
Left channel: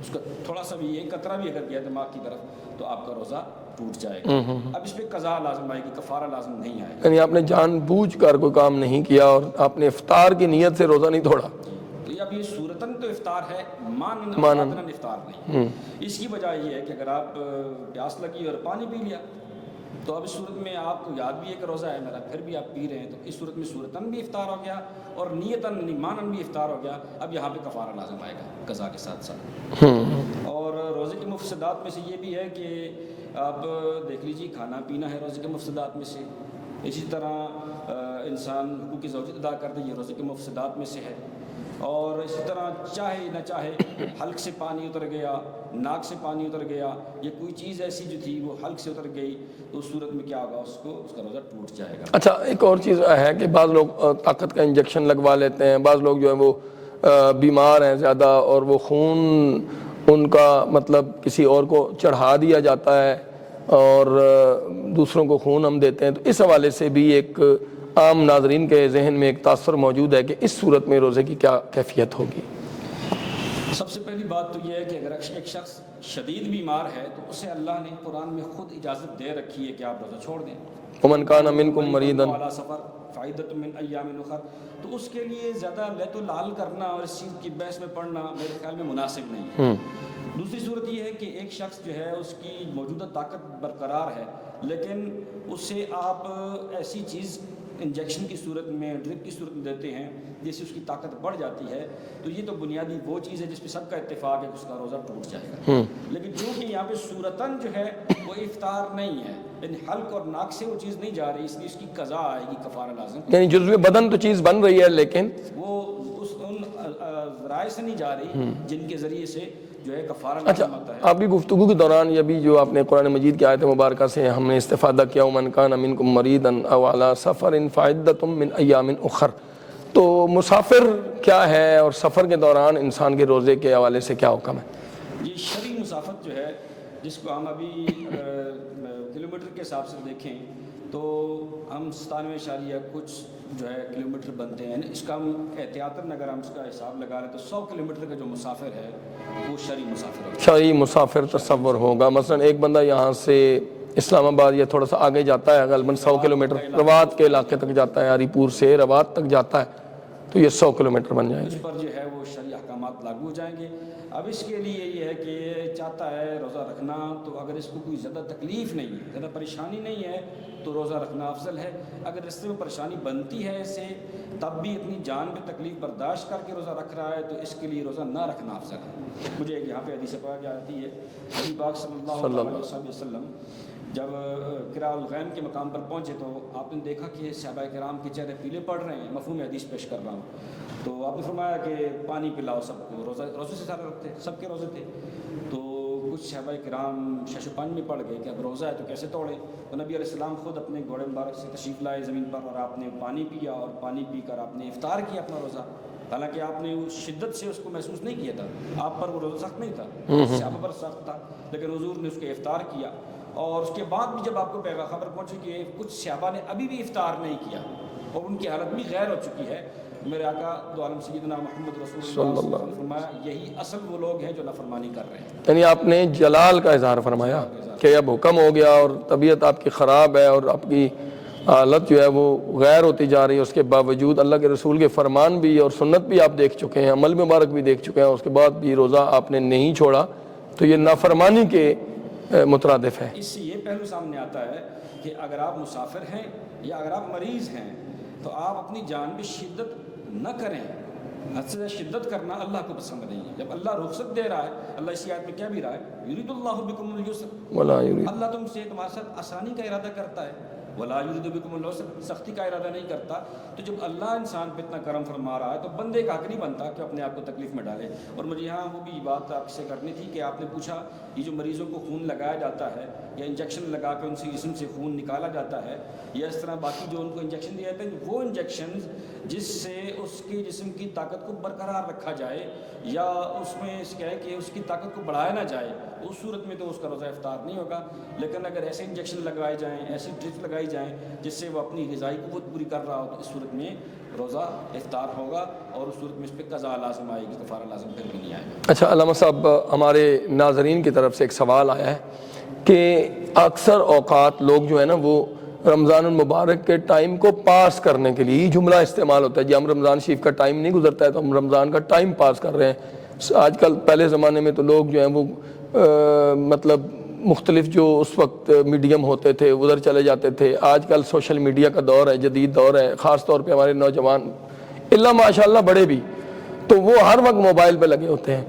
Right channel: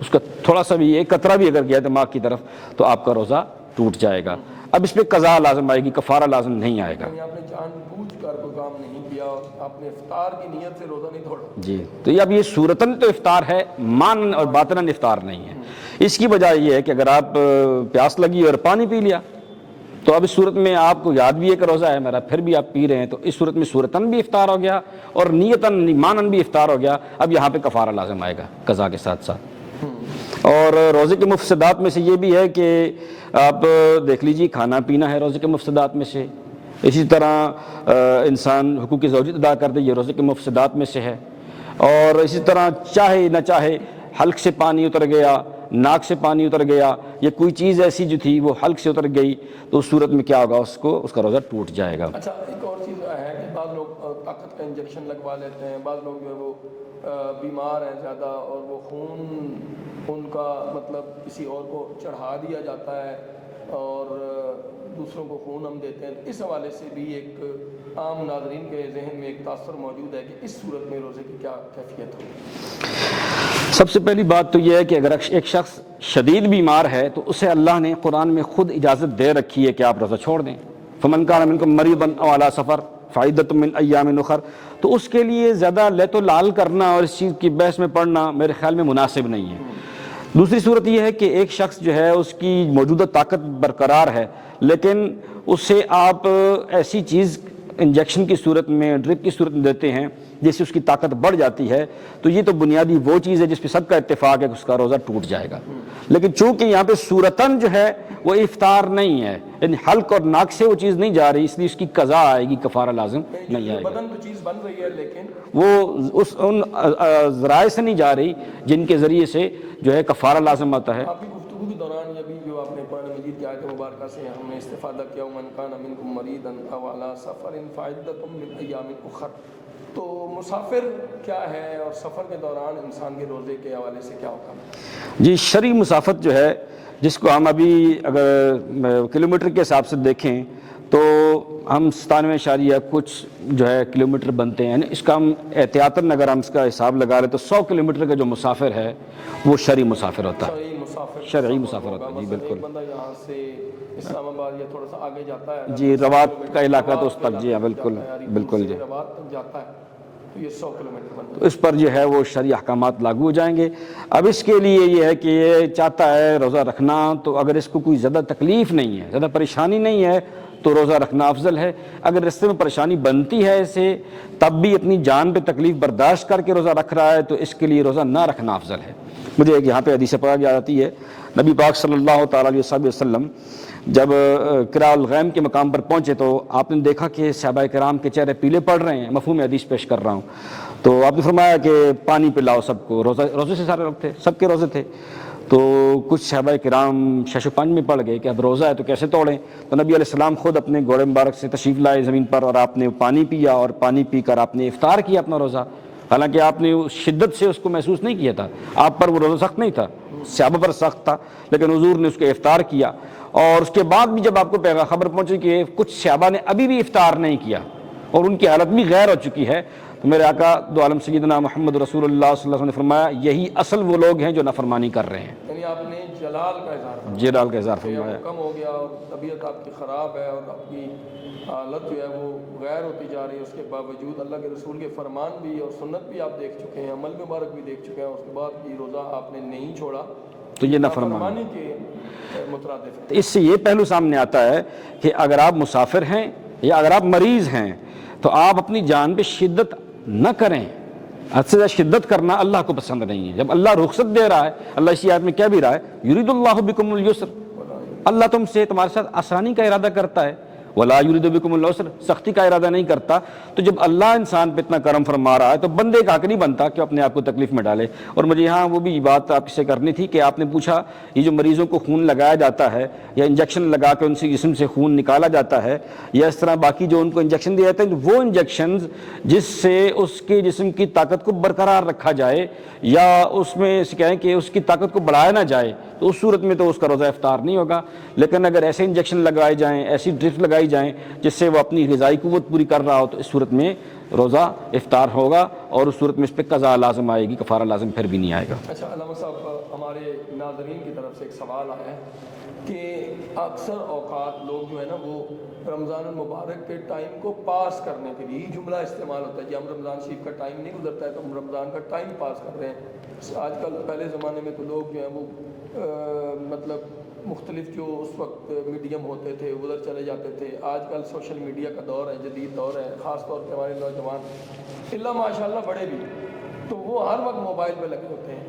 اس کا تھوڑا سا بھی ایک قطرہ بھی اگر گیا دماغ کی طرف تو آپ کا روزہ ٹوٹ جائے گا. اب اس پہ قضا لازم آئے گی, کفارہ لازم نہیں آئے گا. یعنی آپ نے جان بوجھ کر کوئی کام نہیں کیا اور آپ نے افطار کی نیت سے روزہ نہیں توڑا. جی, تو یہ اب یہ صورتاً تو افطار ہے, مانن اور باطناً افطار نہیں ہے. اس کی وجہ یہ ہے کہ اگر آپ پیاس لگی اور پانی پی لیا تو اب اس صورت میں آپ کو یاد بھی ہے کہ روزہ ہے میرا, پھر بھی آپ پی رہے ہیں, تو اس صورت میں صورتاً بھی افطار ہو گیا اور نیتاً مانن بھی افطار ہو گیا. اب یہاں پہ کفارہ لازم آئے گا قضا کے ساتھ ساتھ. اور روزے کے مفسدات میں سے یہ بھی ہے کہ آپ دیکھ لیجیے, کھانا پینا ہے روزے کے مفسدات میں سے. اسی طرح انسان حقوق زوجیت ادا کر دے, یہ روزے کے مفسدات میں سے ہے. اور اسی طرح چاہے نہ چاہے حلق سے پانی اتر گیا, ناک سے پانی اتر گیا, یہ کوئی چیز ایسی جو تھی وہ حلق سے اتر گئی, تو اس صورت میں کیا ہوگا, اس کا روزہ ٹوٹ جائے گا. اچھا, ایک اور چیز ہے کہ بعض لوگ طاقت کا انجیکشن لگوا لیتے ہیں, بعض لوگ جو ہے وہ بیمار ہیں زیادہ اور وہ خون ان کا مطلب کسی اور کو چڑھا دیا جاتا ہے اور دوسروں کو خون ہم دیتے ہیں, تو اس حوالے سے بھی ایک عام ناظرین کے ذہن میں ایک تاثر موجود ہے کہ اس صورت میں روزے کی کیا کیفیت ہوگی. سب سے پہلی بات تو یہ ہے کہ اگر ایک شخص شدید بیمار ہے تو اسے اللہ نے قرآن میں خود اجازت دے رکھی ہے کہ آپ روزہ چھوڑ دیں. فمن کان منکم مریضا او علی سفر فعدۃ من ایام اخر. تو اس کے لیے زیادہ لیت و لال کرنا اور اس چیز کی بحث میں پڑھنا میرے خیال میں مناسب نہیں ہے. دوسری صورت یہ ہے کہ ایک شخص جو ہے اس کی موجودہ طاقت برقرار ہے, لیکن اسے آپ ایسی چیز انجیکشن کی صورت میں, ڈرپ کی صورت میں دیتے ہیں جس سے اس کی طاقت بڑھ جاتی ہے, تو یہ تو بنیادی وہ چیز ہے جس پہ سب کا اتفاق ہے کہ اس کا روزہ ٹوٹ جائے گا. لیکن چونکہ یہاں پہ صورتاً جو ہے وہ افطار نہیں ہے, یعنی حلق اور ناک سے وہ چیز نہیں جا رہی, اس لیے اس کی قضا آئے گی, کفارہ لازم. یعنی جزو بدن تو چیز بن رہی ہے لیکن وہ ان ذرائع سے نہیں جا رہی جن کے ذریعے سے جو ہے کفارہ لازم آتا ہے. ابھی گفتگو کے دوران یہ بھی جو آپ نے قرآن مجید کی آیت مبارکہ سے ہم نے استفادہ کیا, ومن کان منکم مریضا او علی سفر فعدۃ من ایام اخر, تو مسافر کیا ہے اور سفر کے دوران انسان کے روزے کے حوالے سے کیا حکم ہے؟ جی, شرعی مسافت جو ہے جس کو ہم ابھی اگر کلومیٹر کے حساب سے دیکھیں تو ہم 97 کچھ جو ہے کلومیٹر بنتے ہیں, اس کا ہم احتیاطاً اگر ہم اس کا حساب لگا رہے تو 100 کلومیٹر کا جو مسافر ہے وہ شرعی مسافر ہوتا ہے. شرعی مسافر تصور ہوگا. مثلا ایک بندہ یہاں سے اسلام آباد یا تھوڑا سا آگے جاتا ہے, اگر 100 کلومیٹر روات کے علاقے تک جاتا ہے, ہری پور سے روات تک جاتا ہے, تو یہ 100 کلومیٹر بن جائے. اس پر جو ہے وہ شرعی احکامات لاگو ہو جائیں گے. اب اس کے لیے یہ ہے کہ یہ چاہتا ہے روزہ رکھنا, تو اگر اس کو کوئی زیادہ تکلیف نہیں ہے, زیادہ پریشانی نہیں ہے, تو روزہ رکھنا افضل ہے. اگر راستے میں پریشانی بنتی ہے اسے, تب بھی اپنی جان پہ تکلیف برداشت کر کے روزہ رکھ رہا ہے, تو اس کے لیے روزہ نہ رکھنا افضل ہے. مجھے ایک یہاں پہ حدیث پاک یاد آتی ہے, نبی پاک صلی اللہ تعالیٰ علیہ وسلم جب قراء الغیم کے مقام پر پہنچے تو آپ نے دیکھا کہ صحابہ کرام کے چہرے پیلے پڑ رہے ہیں. مفہوم حدیث پیش کر رہا ہوں. تو آپ نے فرمایا کہ پانی پلاؤ سب کو. روزے سے سارے لوگ تھے, سب کے روزے تھے. تو کچھ صحابہ کرام شش و پنج میں پڑ گئے کہ اب روزہ ہے تو کیسے توڑیں. تو نبی علیہ السلام خود اپنے گھوڑے مبارک سے تشریف لائے زمین پر, اور آپ نے پانی پیا, اور پانی پی کر آپ نے افطار کیا اپنا روزہ. حالانکہ آپ نے شدت سے اس کو محسوس نہیں کیا تھا, آپ پر وہ روزہ سخت نہیں تھا, صحابہ پر سخت تھا, لیکن حضور نے اس کو افطار کیا. اور اس کے بعد بھی جب آپ کو خبر پہنچی کہ کچھ صحابہ نے ابھی بھی افطار نہیں کیا اور ان کی حالت بھی غیر ہو چکی ہے, تو میرے آقا دو عالم سیدنا محمد رسول اللہ صلی اللہ علیہ وسلم نے فرمایا یہی اصل وہ لوگ ہیں جو نافرمانی کر رہے ہیں. یعنی آپ نے جلال کا اظہار فرمایا, جلال کا اظہار کہ اب حکم ہو گیا اور طبیعت آپ کی خراب ہے اور آپ کی حالت جو ہے وہ غیر ہوتی جا رہی ہے, اس کے باوجود اللہ کے رسول کے فرمان بھی اور سنت بھی آپ دیکھ چکے ہیں, عمل مبارک بھی دیکھ چکے ہیں, اس کے بعد بھی روزہ آپ نے نہیں چھوڑا, تو یہ نافرمانی کے مترادف ہے. اس سے یہ پہلو سامنے آتا ہے کہ اگر آپ مسافر ہیں یا اگر آپ مریض ہیں تو آپ اپنی جان پہ شدت نہ کریں. حد سے زیادہ شدت کرنا اللہ کو پسند نہیں ہے. جب اللہ رخصت دے رہا ہے, اللہ اسی آیت میں کہہ بھی رہا ہے, یرید اللہ بکم اليسر, اللہ تم سے تمہارے ساتھ آسانی کا ارادہ کرتا ہے, ولا یرید بکم العسر, سختی کا ارادہ نہیں کرتا. تو جب اللہ انسان پہ اتنا کرم فرما رہا ہے تو بندے کا حق نہیں بنتا کہ اپنے آپ کو تکلیف میں ڈالے. اور مجھے یہاں وہ بھی بات آپ سے کرنی تھی کہ آپ نے پوچھا یہ جو مریضوں کو خون لگایا جاتا ہے یا انجیکشن لگا کے ان سے جسم سے خون نکالا جاتا ہے, یا اس طرح باقی جو ان کو انجیکشن دیے جاتے ہیں, وہ انجیکشنز جس سے اس کے جسم کی طاقت کو برقرار رکھا جائے یا اس میں کہیں کہ اس کی طاقت کو بڑھایا نہ جائے, تو اس صورت میں تو اس کا روزہ افطار نہیں ہوگا. لیکن اگر ایسے انجیکشن لگائے جائیں, ایسی ڈرپس لگائی جائیں جس سے وہ اپنی غذائی قوت پوری کر رہا ہو, تو اس صورت میں روزہ افطار ہوگا, اور اس صورت میں اس پہ قضا لازم آئے گی, کفارہ لازم پھر بھی نہیں آئے گا. اچھا علامہ صاحب, ہمارے ناظرین کی طرف سے ایک سوال آیا ہے کہ اکثر اوقات لوگ جو ہے نا وہ رمضان المبارک کے ٹائم کو پاس کرنے کے لیے یہ جملہ استعمال ہوتا ہے، جی ہم رمضان شریف کا ٹائم نہیں گزرتا ہے تو ہم رمضان کا ٹائم پاس کر رہے ہیں۔ آج کل پہلے زمانے میں تو لوگ جو ہیں وہ مطلب مختلف جو اس وقت میڈیم ہوتے تھے ادھر چلے جاتے تھے۔ آج کل سوشل میڈیا کا دور ہے، جدید دور ہے، خاص طور پہ ہمارے نوجوان اللہ ماشاءاللہ بڑے بھی، تو وہ ہر وقت موبائل پہ لگے ہوتے ہیں،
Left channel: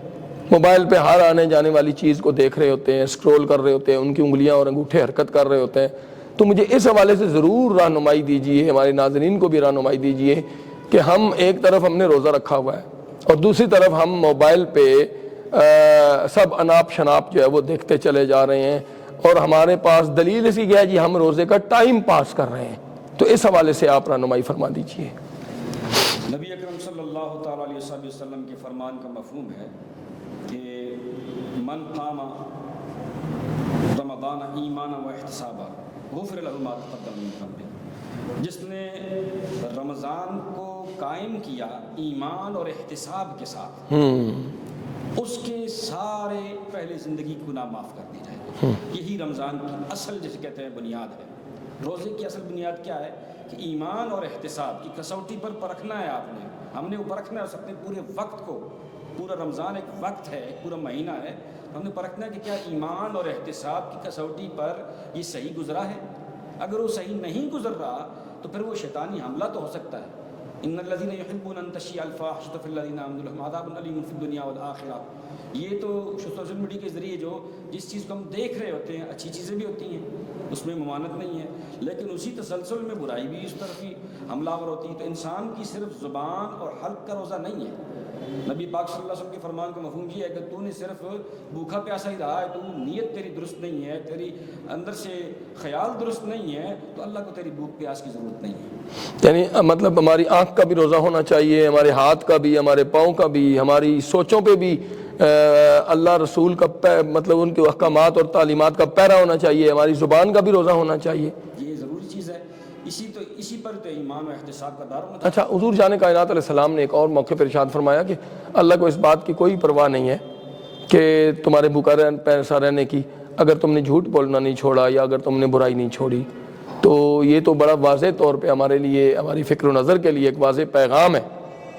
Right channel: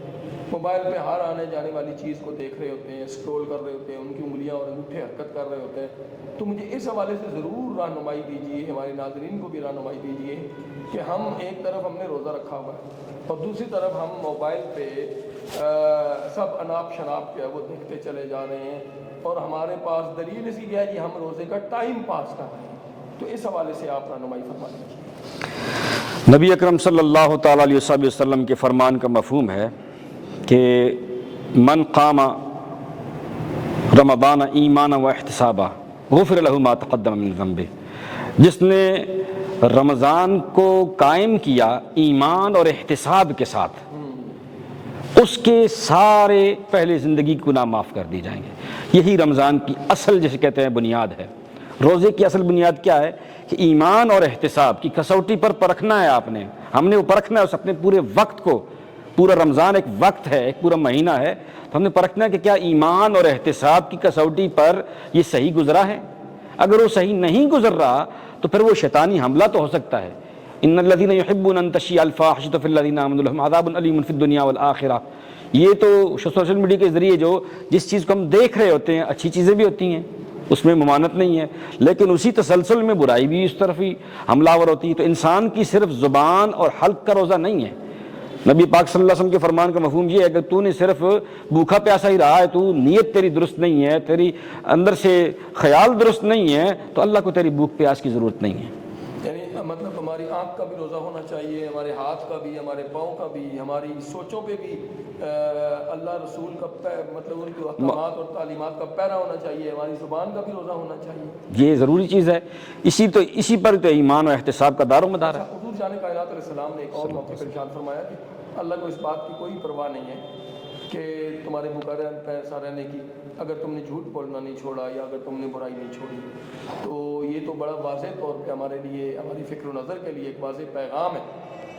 موبائل پہ ہر آنے جانے والی چیز کو دیکھ رہے ہوتے ہیں، اسکرول کر رہے ہوتے ہیں، ان کی انگلیاں اور انگوٹھے حرکت کر رہے ہوتے ہیں۔ تو مجھے اس حوالے سے ضرور رہنمائی دیجیے، ہمارے ناظرین کو بھی رہنمائی دیجیے کہ ہم ایک طرف ہم نے روزہ رکھا ہوا ہے اور دوسری طرف ہم موبائل پہ سب اناپ شناپ جو ہے وہ دیکھتے چلے جا رہے ہیں، اور ہمارے پاس دلیل اسی کی ہے جی ہم روزے کا ٹائم پاس کر رہے ہیں۔ تو اس حوالے سے آپ رہنمائی فرما دیجیے۔ نبی اکرم صلی اللہ تعالیٰ علیہ وسلم کے فرمان کا مفہوم ہے کہ من قام رمضان ایمانا و احتسابا غفر لہ ما تقدم من ذنبہ، جس نے رمضان کو قائم کیا ایمان اور احتساب کے ساتھ، اس کے سارے پہلے زندگی کے گناہ معاف کر دی جائیں گے۔ یہی رمضان کی اصل جسے کہتے ہیں بنیاد ہے۔ روزے کی اصل بنیاد کیا ہے کہ ایمان اور احتساب کی کسوٹی پر پرکھنا ہے، آپ نے ہم نے وہ پرکھنا ہے اس اپنے پورے وقت کو۔ پورا رمضان ایک وقت ہے، ایک پورا مہینہ ہے، تو ہم نے پرکھنا ہے کہ کیا ایمان اور احتساب کی کسوٹی پر یہ صحیح گزرا ہے۔ اگر وہ صحیح نہیں گزر رہا تو پھر وہ شیطانی حملہ تو ہو سکتا ہے۔ ان الذين يحبون ان تشيع الفاحشة في الذين آمنوا لهم عذاب أليم في الدنيا والآخرة۔ یہ تو سوشل میڈیا کے ذریعے جو جس چیز کو ہم دیکھ رہے ہوتے ہیں، اچھی چیزیں بھی ہوتی ہیں، اس میں ممانعت نہیں ہے، لیکن اسی تسلسل میں برائی بھی اس طرف ہی حملہ آور ہوتی ہے۔ تو انسان کی صرف زبان اور حلق کا روزہ نہیں ہے۔ نبی پاک صلی اللہ علیہ وسلم کے فرمان کا مفہوم یہ ہے کہ تو نے صرف بھوکا پیاسا ہی رہا ہے، تو نیت تیری درست نہیں ہے، تیری اندر سے خیال درست نہیں ہے، تو اللہ کو تیری بھوک پیاس کی ضرورت نہیں ہے۔ یعنی مطلب ہماری آنکھ کا بھی روزہ ہونا چاہیے، ہمارے ہاتھ کا بھی، ہمارے پاؤں کا بھی، ہماری سوچوں پہ بھی اللہ رسول کا مطلب ان کے احکامات اور تعلیمات کا پیرا ہونا چاہیے، ہماری زبان کا بھی روزہ ہونا چاہیے۔ یہ ضروری چیز ہے، اسی پر تو ایمان و احتساب کا دار و مدار۔ اچھا، حضور جان کائنات علیہ السلام نے ایک اور موقع پر ارشاد فرمایا کہ اللہ کو اس بات کی کوئی پرواہ نہیں ہے کہ تمہارے بھوکا پیسا رہنے کی، اگر تم نے جھوٹ بولنا نہیں چھوڑا یا اگر تم نے برائی نہیں چھوڑی۔ تو یہ تو بڑا واضح طور پہ ہمارے لیے، ہماری فکر و نظر کے لیے ایک واضح پیغام ہے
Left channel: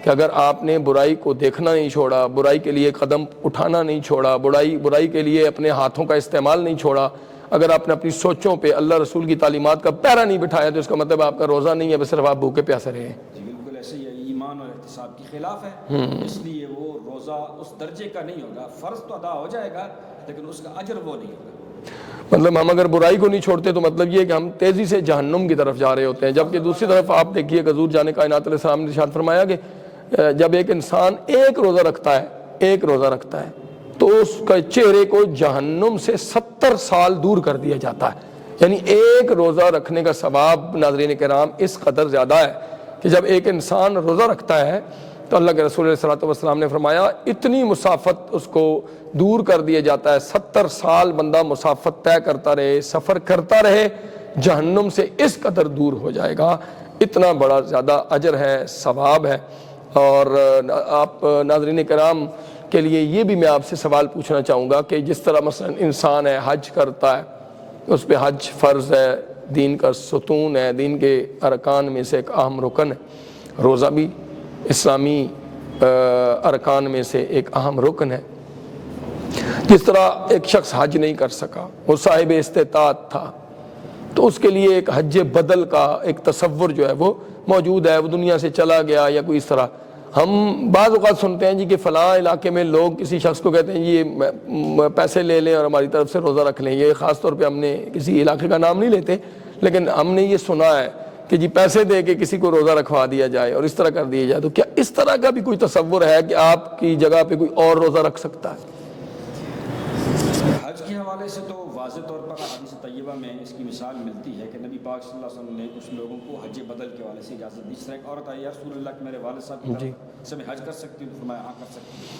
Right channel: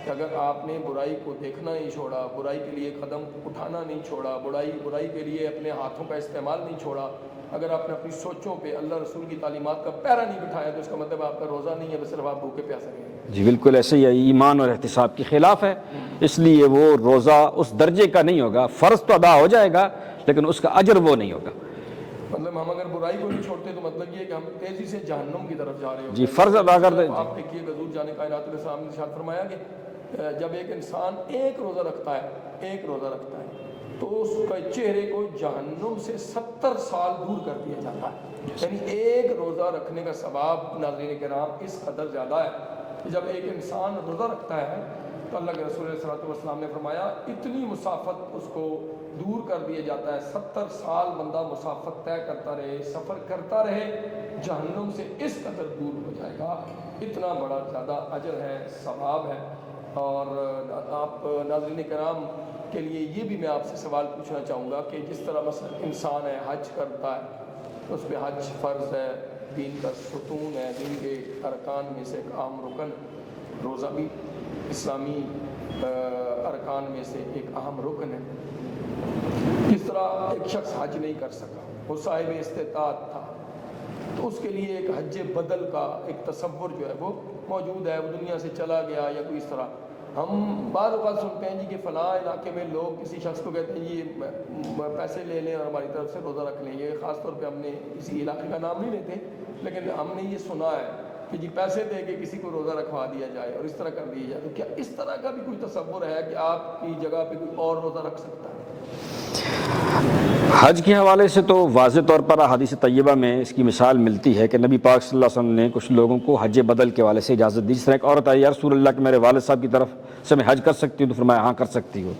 کہ اگر آپ نے برائی کو دیکھنا نہیں چھوڑا، برائی کے لیے قدم اٹھانا نہیں چھوڑا، برائی کے لیے اپنے ہاتھوں کا استعمال نہیں چھوڑا، اگر آپ نے اپنی سوچوں پہ اللہ رسول کی تعلیمات کا پیرا نہیں بٹھایا تو اس کا مطلب آپ کا روزہ نہیں ہے، بس صرف آپ بھوکے پیاسے رہے ہیں۔ جی بالکل ایسے ہی ہے، ایمان اور احتساب کے خلاف ہے، اس لیے وہ روزہ اس درجے کا نہیں ہوگا۔ فرض تو ادا ہو جائے گا لیکن اس کا اجر وہ نہیں ہوگا۔ مطلب ہم اگر برائی کو نہیں چھوڑتے تو مطلب یہ کہ ہم تیزی سے جہنم کی طرف جا رہے ہوتے ہیں۔ جبکہ دوسری طرف آپ دیکھیے حضور جان کائنات علیہ السلام نے ارشاد فرمایا کہ جب ایک انسان ایک روزہ رکھتا ہے تو اس کے چہرے کو جہنم سے 70 سال دور کر دیا جاتا ہے۔ یعنی ایک روزہ رکھنے کا ثواب ناظرین کرام اس قدر زیادہ ہے کہ جب ایک انسان روزہ رکھتا ہے تو اللہ کے رسول صلی اللہ علیہ وسلم نے فرمایا اتنی مسافت اس کو دور کر دیا جاتا ہے، 70 سال بندہ مسافت طے کرتا رہے، سفر کرتا رہے، جہنم سے اس قدر دور ہو جائے گا۔ اتنا بڑا زیادہ اجر ہے، ثواب ہے۔ اور آپ ناظرین کرام کے لیے یہ بھی میں آپ سے سوال پوچھنا چاہوں گا کہ جس طرح مثلا انسان ہے حج کرتا ہے، اس پہ حج فرض ہے، دین کا ستون ہے، دین کے ارکان میں سے ایک اہم رکن ہے، روزہ بھی اسلامی ارکان میں سے ایک اہم رکن ہے۔ جس طرح ایک شخص حج نہیں کر سکا، وہ صاحب استطاعت تھا، تو اس کے لیے ایک حج بدل کا ایک تصور جو ہے وہ موجود ہے، وہ دنیا سے چلا گیا یا کوئی اس طرح۔ ہم بعض اوقات سنتے ہیں جی کہ فلاں علاقے میں لوگ کسی شخص کو کہتے ہیں یہ پیسے لے لیں اور ہماری طرف سے روزہ رکھ لیں۔ یہ خاص طور پہ ہم نے کسی علاقے کا نام نہیں لیتے، لیکن ہم نے یہ سنا ہے کہ جی پیسے دے کے کسی کو روزہ رکھوا دیا جائے اور اس طرح کر دیا جائے۔ تو کیا اس طرح کا بھی کوئی تصور ہے کہ آپ کی جگہ پہ کوئی اور روزہ رکھ سکتا ہے؟ حج کے حوالے سے تو واضح طور پر حدیث طیبہ میں اس کی مثال ملتی ہے کہ نبی پاک صلی اللہ علیہ وسلم نے کچھ لوگوں کو حج بدل کے حوالے سے اجازت دی۔ جس طرح ایک عورت آئی، یا رسول اللہ کہ میرے والد صاحب کی طرف سے میں حج کر سکتی ہوں، تو فرمایا ہاں کر سکتی ہے۔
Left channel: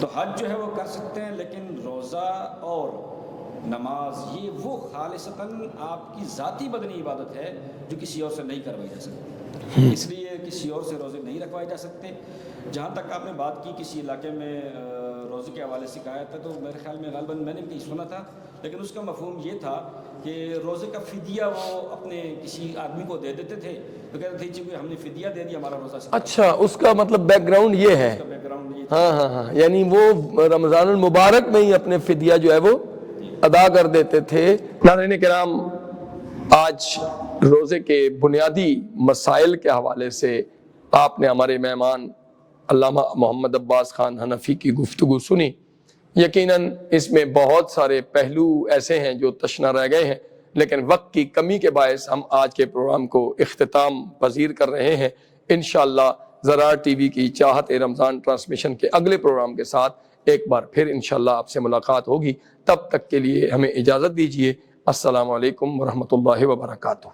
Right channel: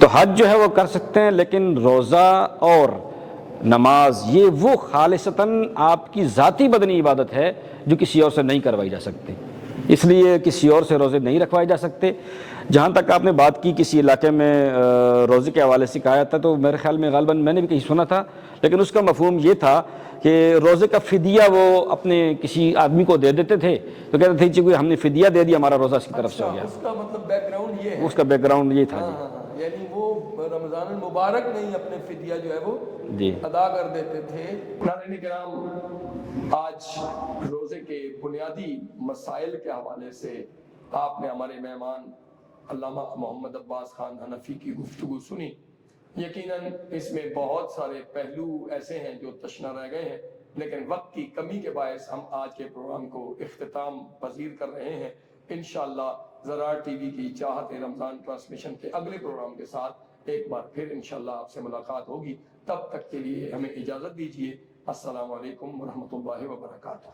تو حج جو ہے وہ کر سکتے ہیں، لیکن روزہ اور نماز یہ وہ خالصتاً آپ کی ذاتی بدنی عبادت ہے جو کسی اور سے نہیں کروائی جا سکتی۔ اس لیے کسی اور سے روزے نہیں رکھوائے جا سکتے۔ جہاں تک آپ نے بات کی کسی علاقے میں روزے کے حوالے سے کہا تھا، تو میرے خیال میں غالباً میں نے بھی کہیں سنا تھا، لیکن اس کا مفہوم یہ تھا کہ روزے کا فدیہ وہ اپنے کسی آدمی کو دے دیتے تھے، تو کہتے تھے کہ ہم نے فدیہ دے دیا، ہمارا روزہ اس کی طرف سے۔ اچھا، اس کا مطلب بیک گراؤنڈ یہ ہے؟ اس کا بیک گراؤنڈ یہ تھا۔ ہاں، یعنی وہ رمضان المبارک میں ہی اپنے فدیہ جو ہے وہ جی ادا کر دیتے تھے۔ ناظرین کرام، آج روزے کے بنیادی مسائل کے حوالے سے آپ نے ہمارے مہمان علامہ محمد عباس خان حنفی کی گفتگو سنی۔ یقیناً اس میں بہت سارے پہلو ایسے ہیں جو تشنہ رہ گئے ہیں، لیکن وقت کی کمی کے باعث ہم آج کے پروگرام کو اختتام پذیر کر رہے ہیں۔ انشاءاللہ زرار ٹی وی کی چاہت رمضان ٹرانسمیشن کے اگلے پروگرام کے ساتھ ایک بار پھر انشاءاللہ آپ سے ملاقات ہوگی۔ تب تک کے لیے ہمیں اجازت دیجیے۔ السلام علیکم ورحمۃ اللہ وبرکاتہ۔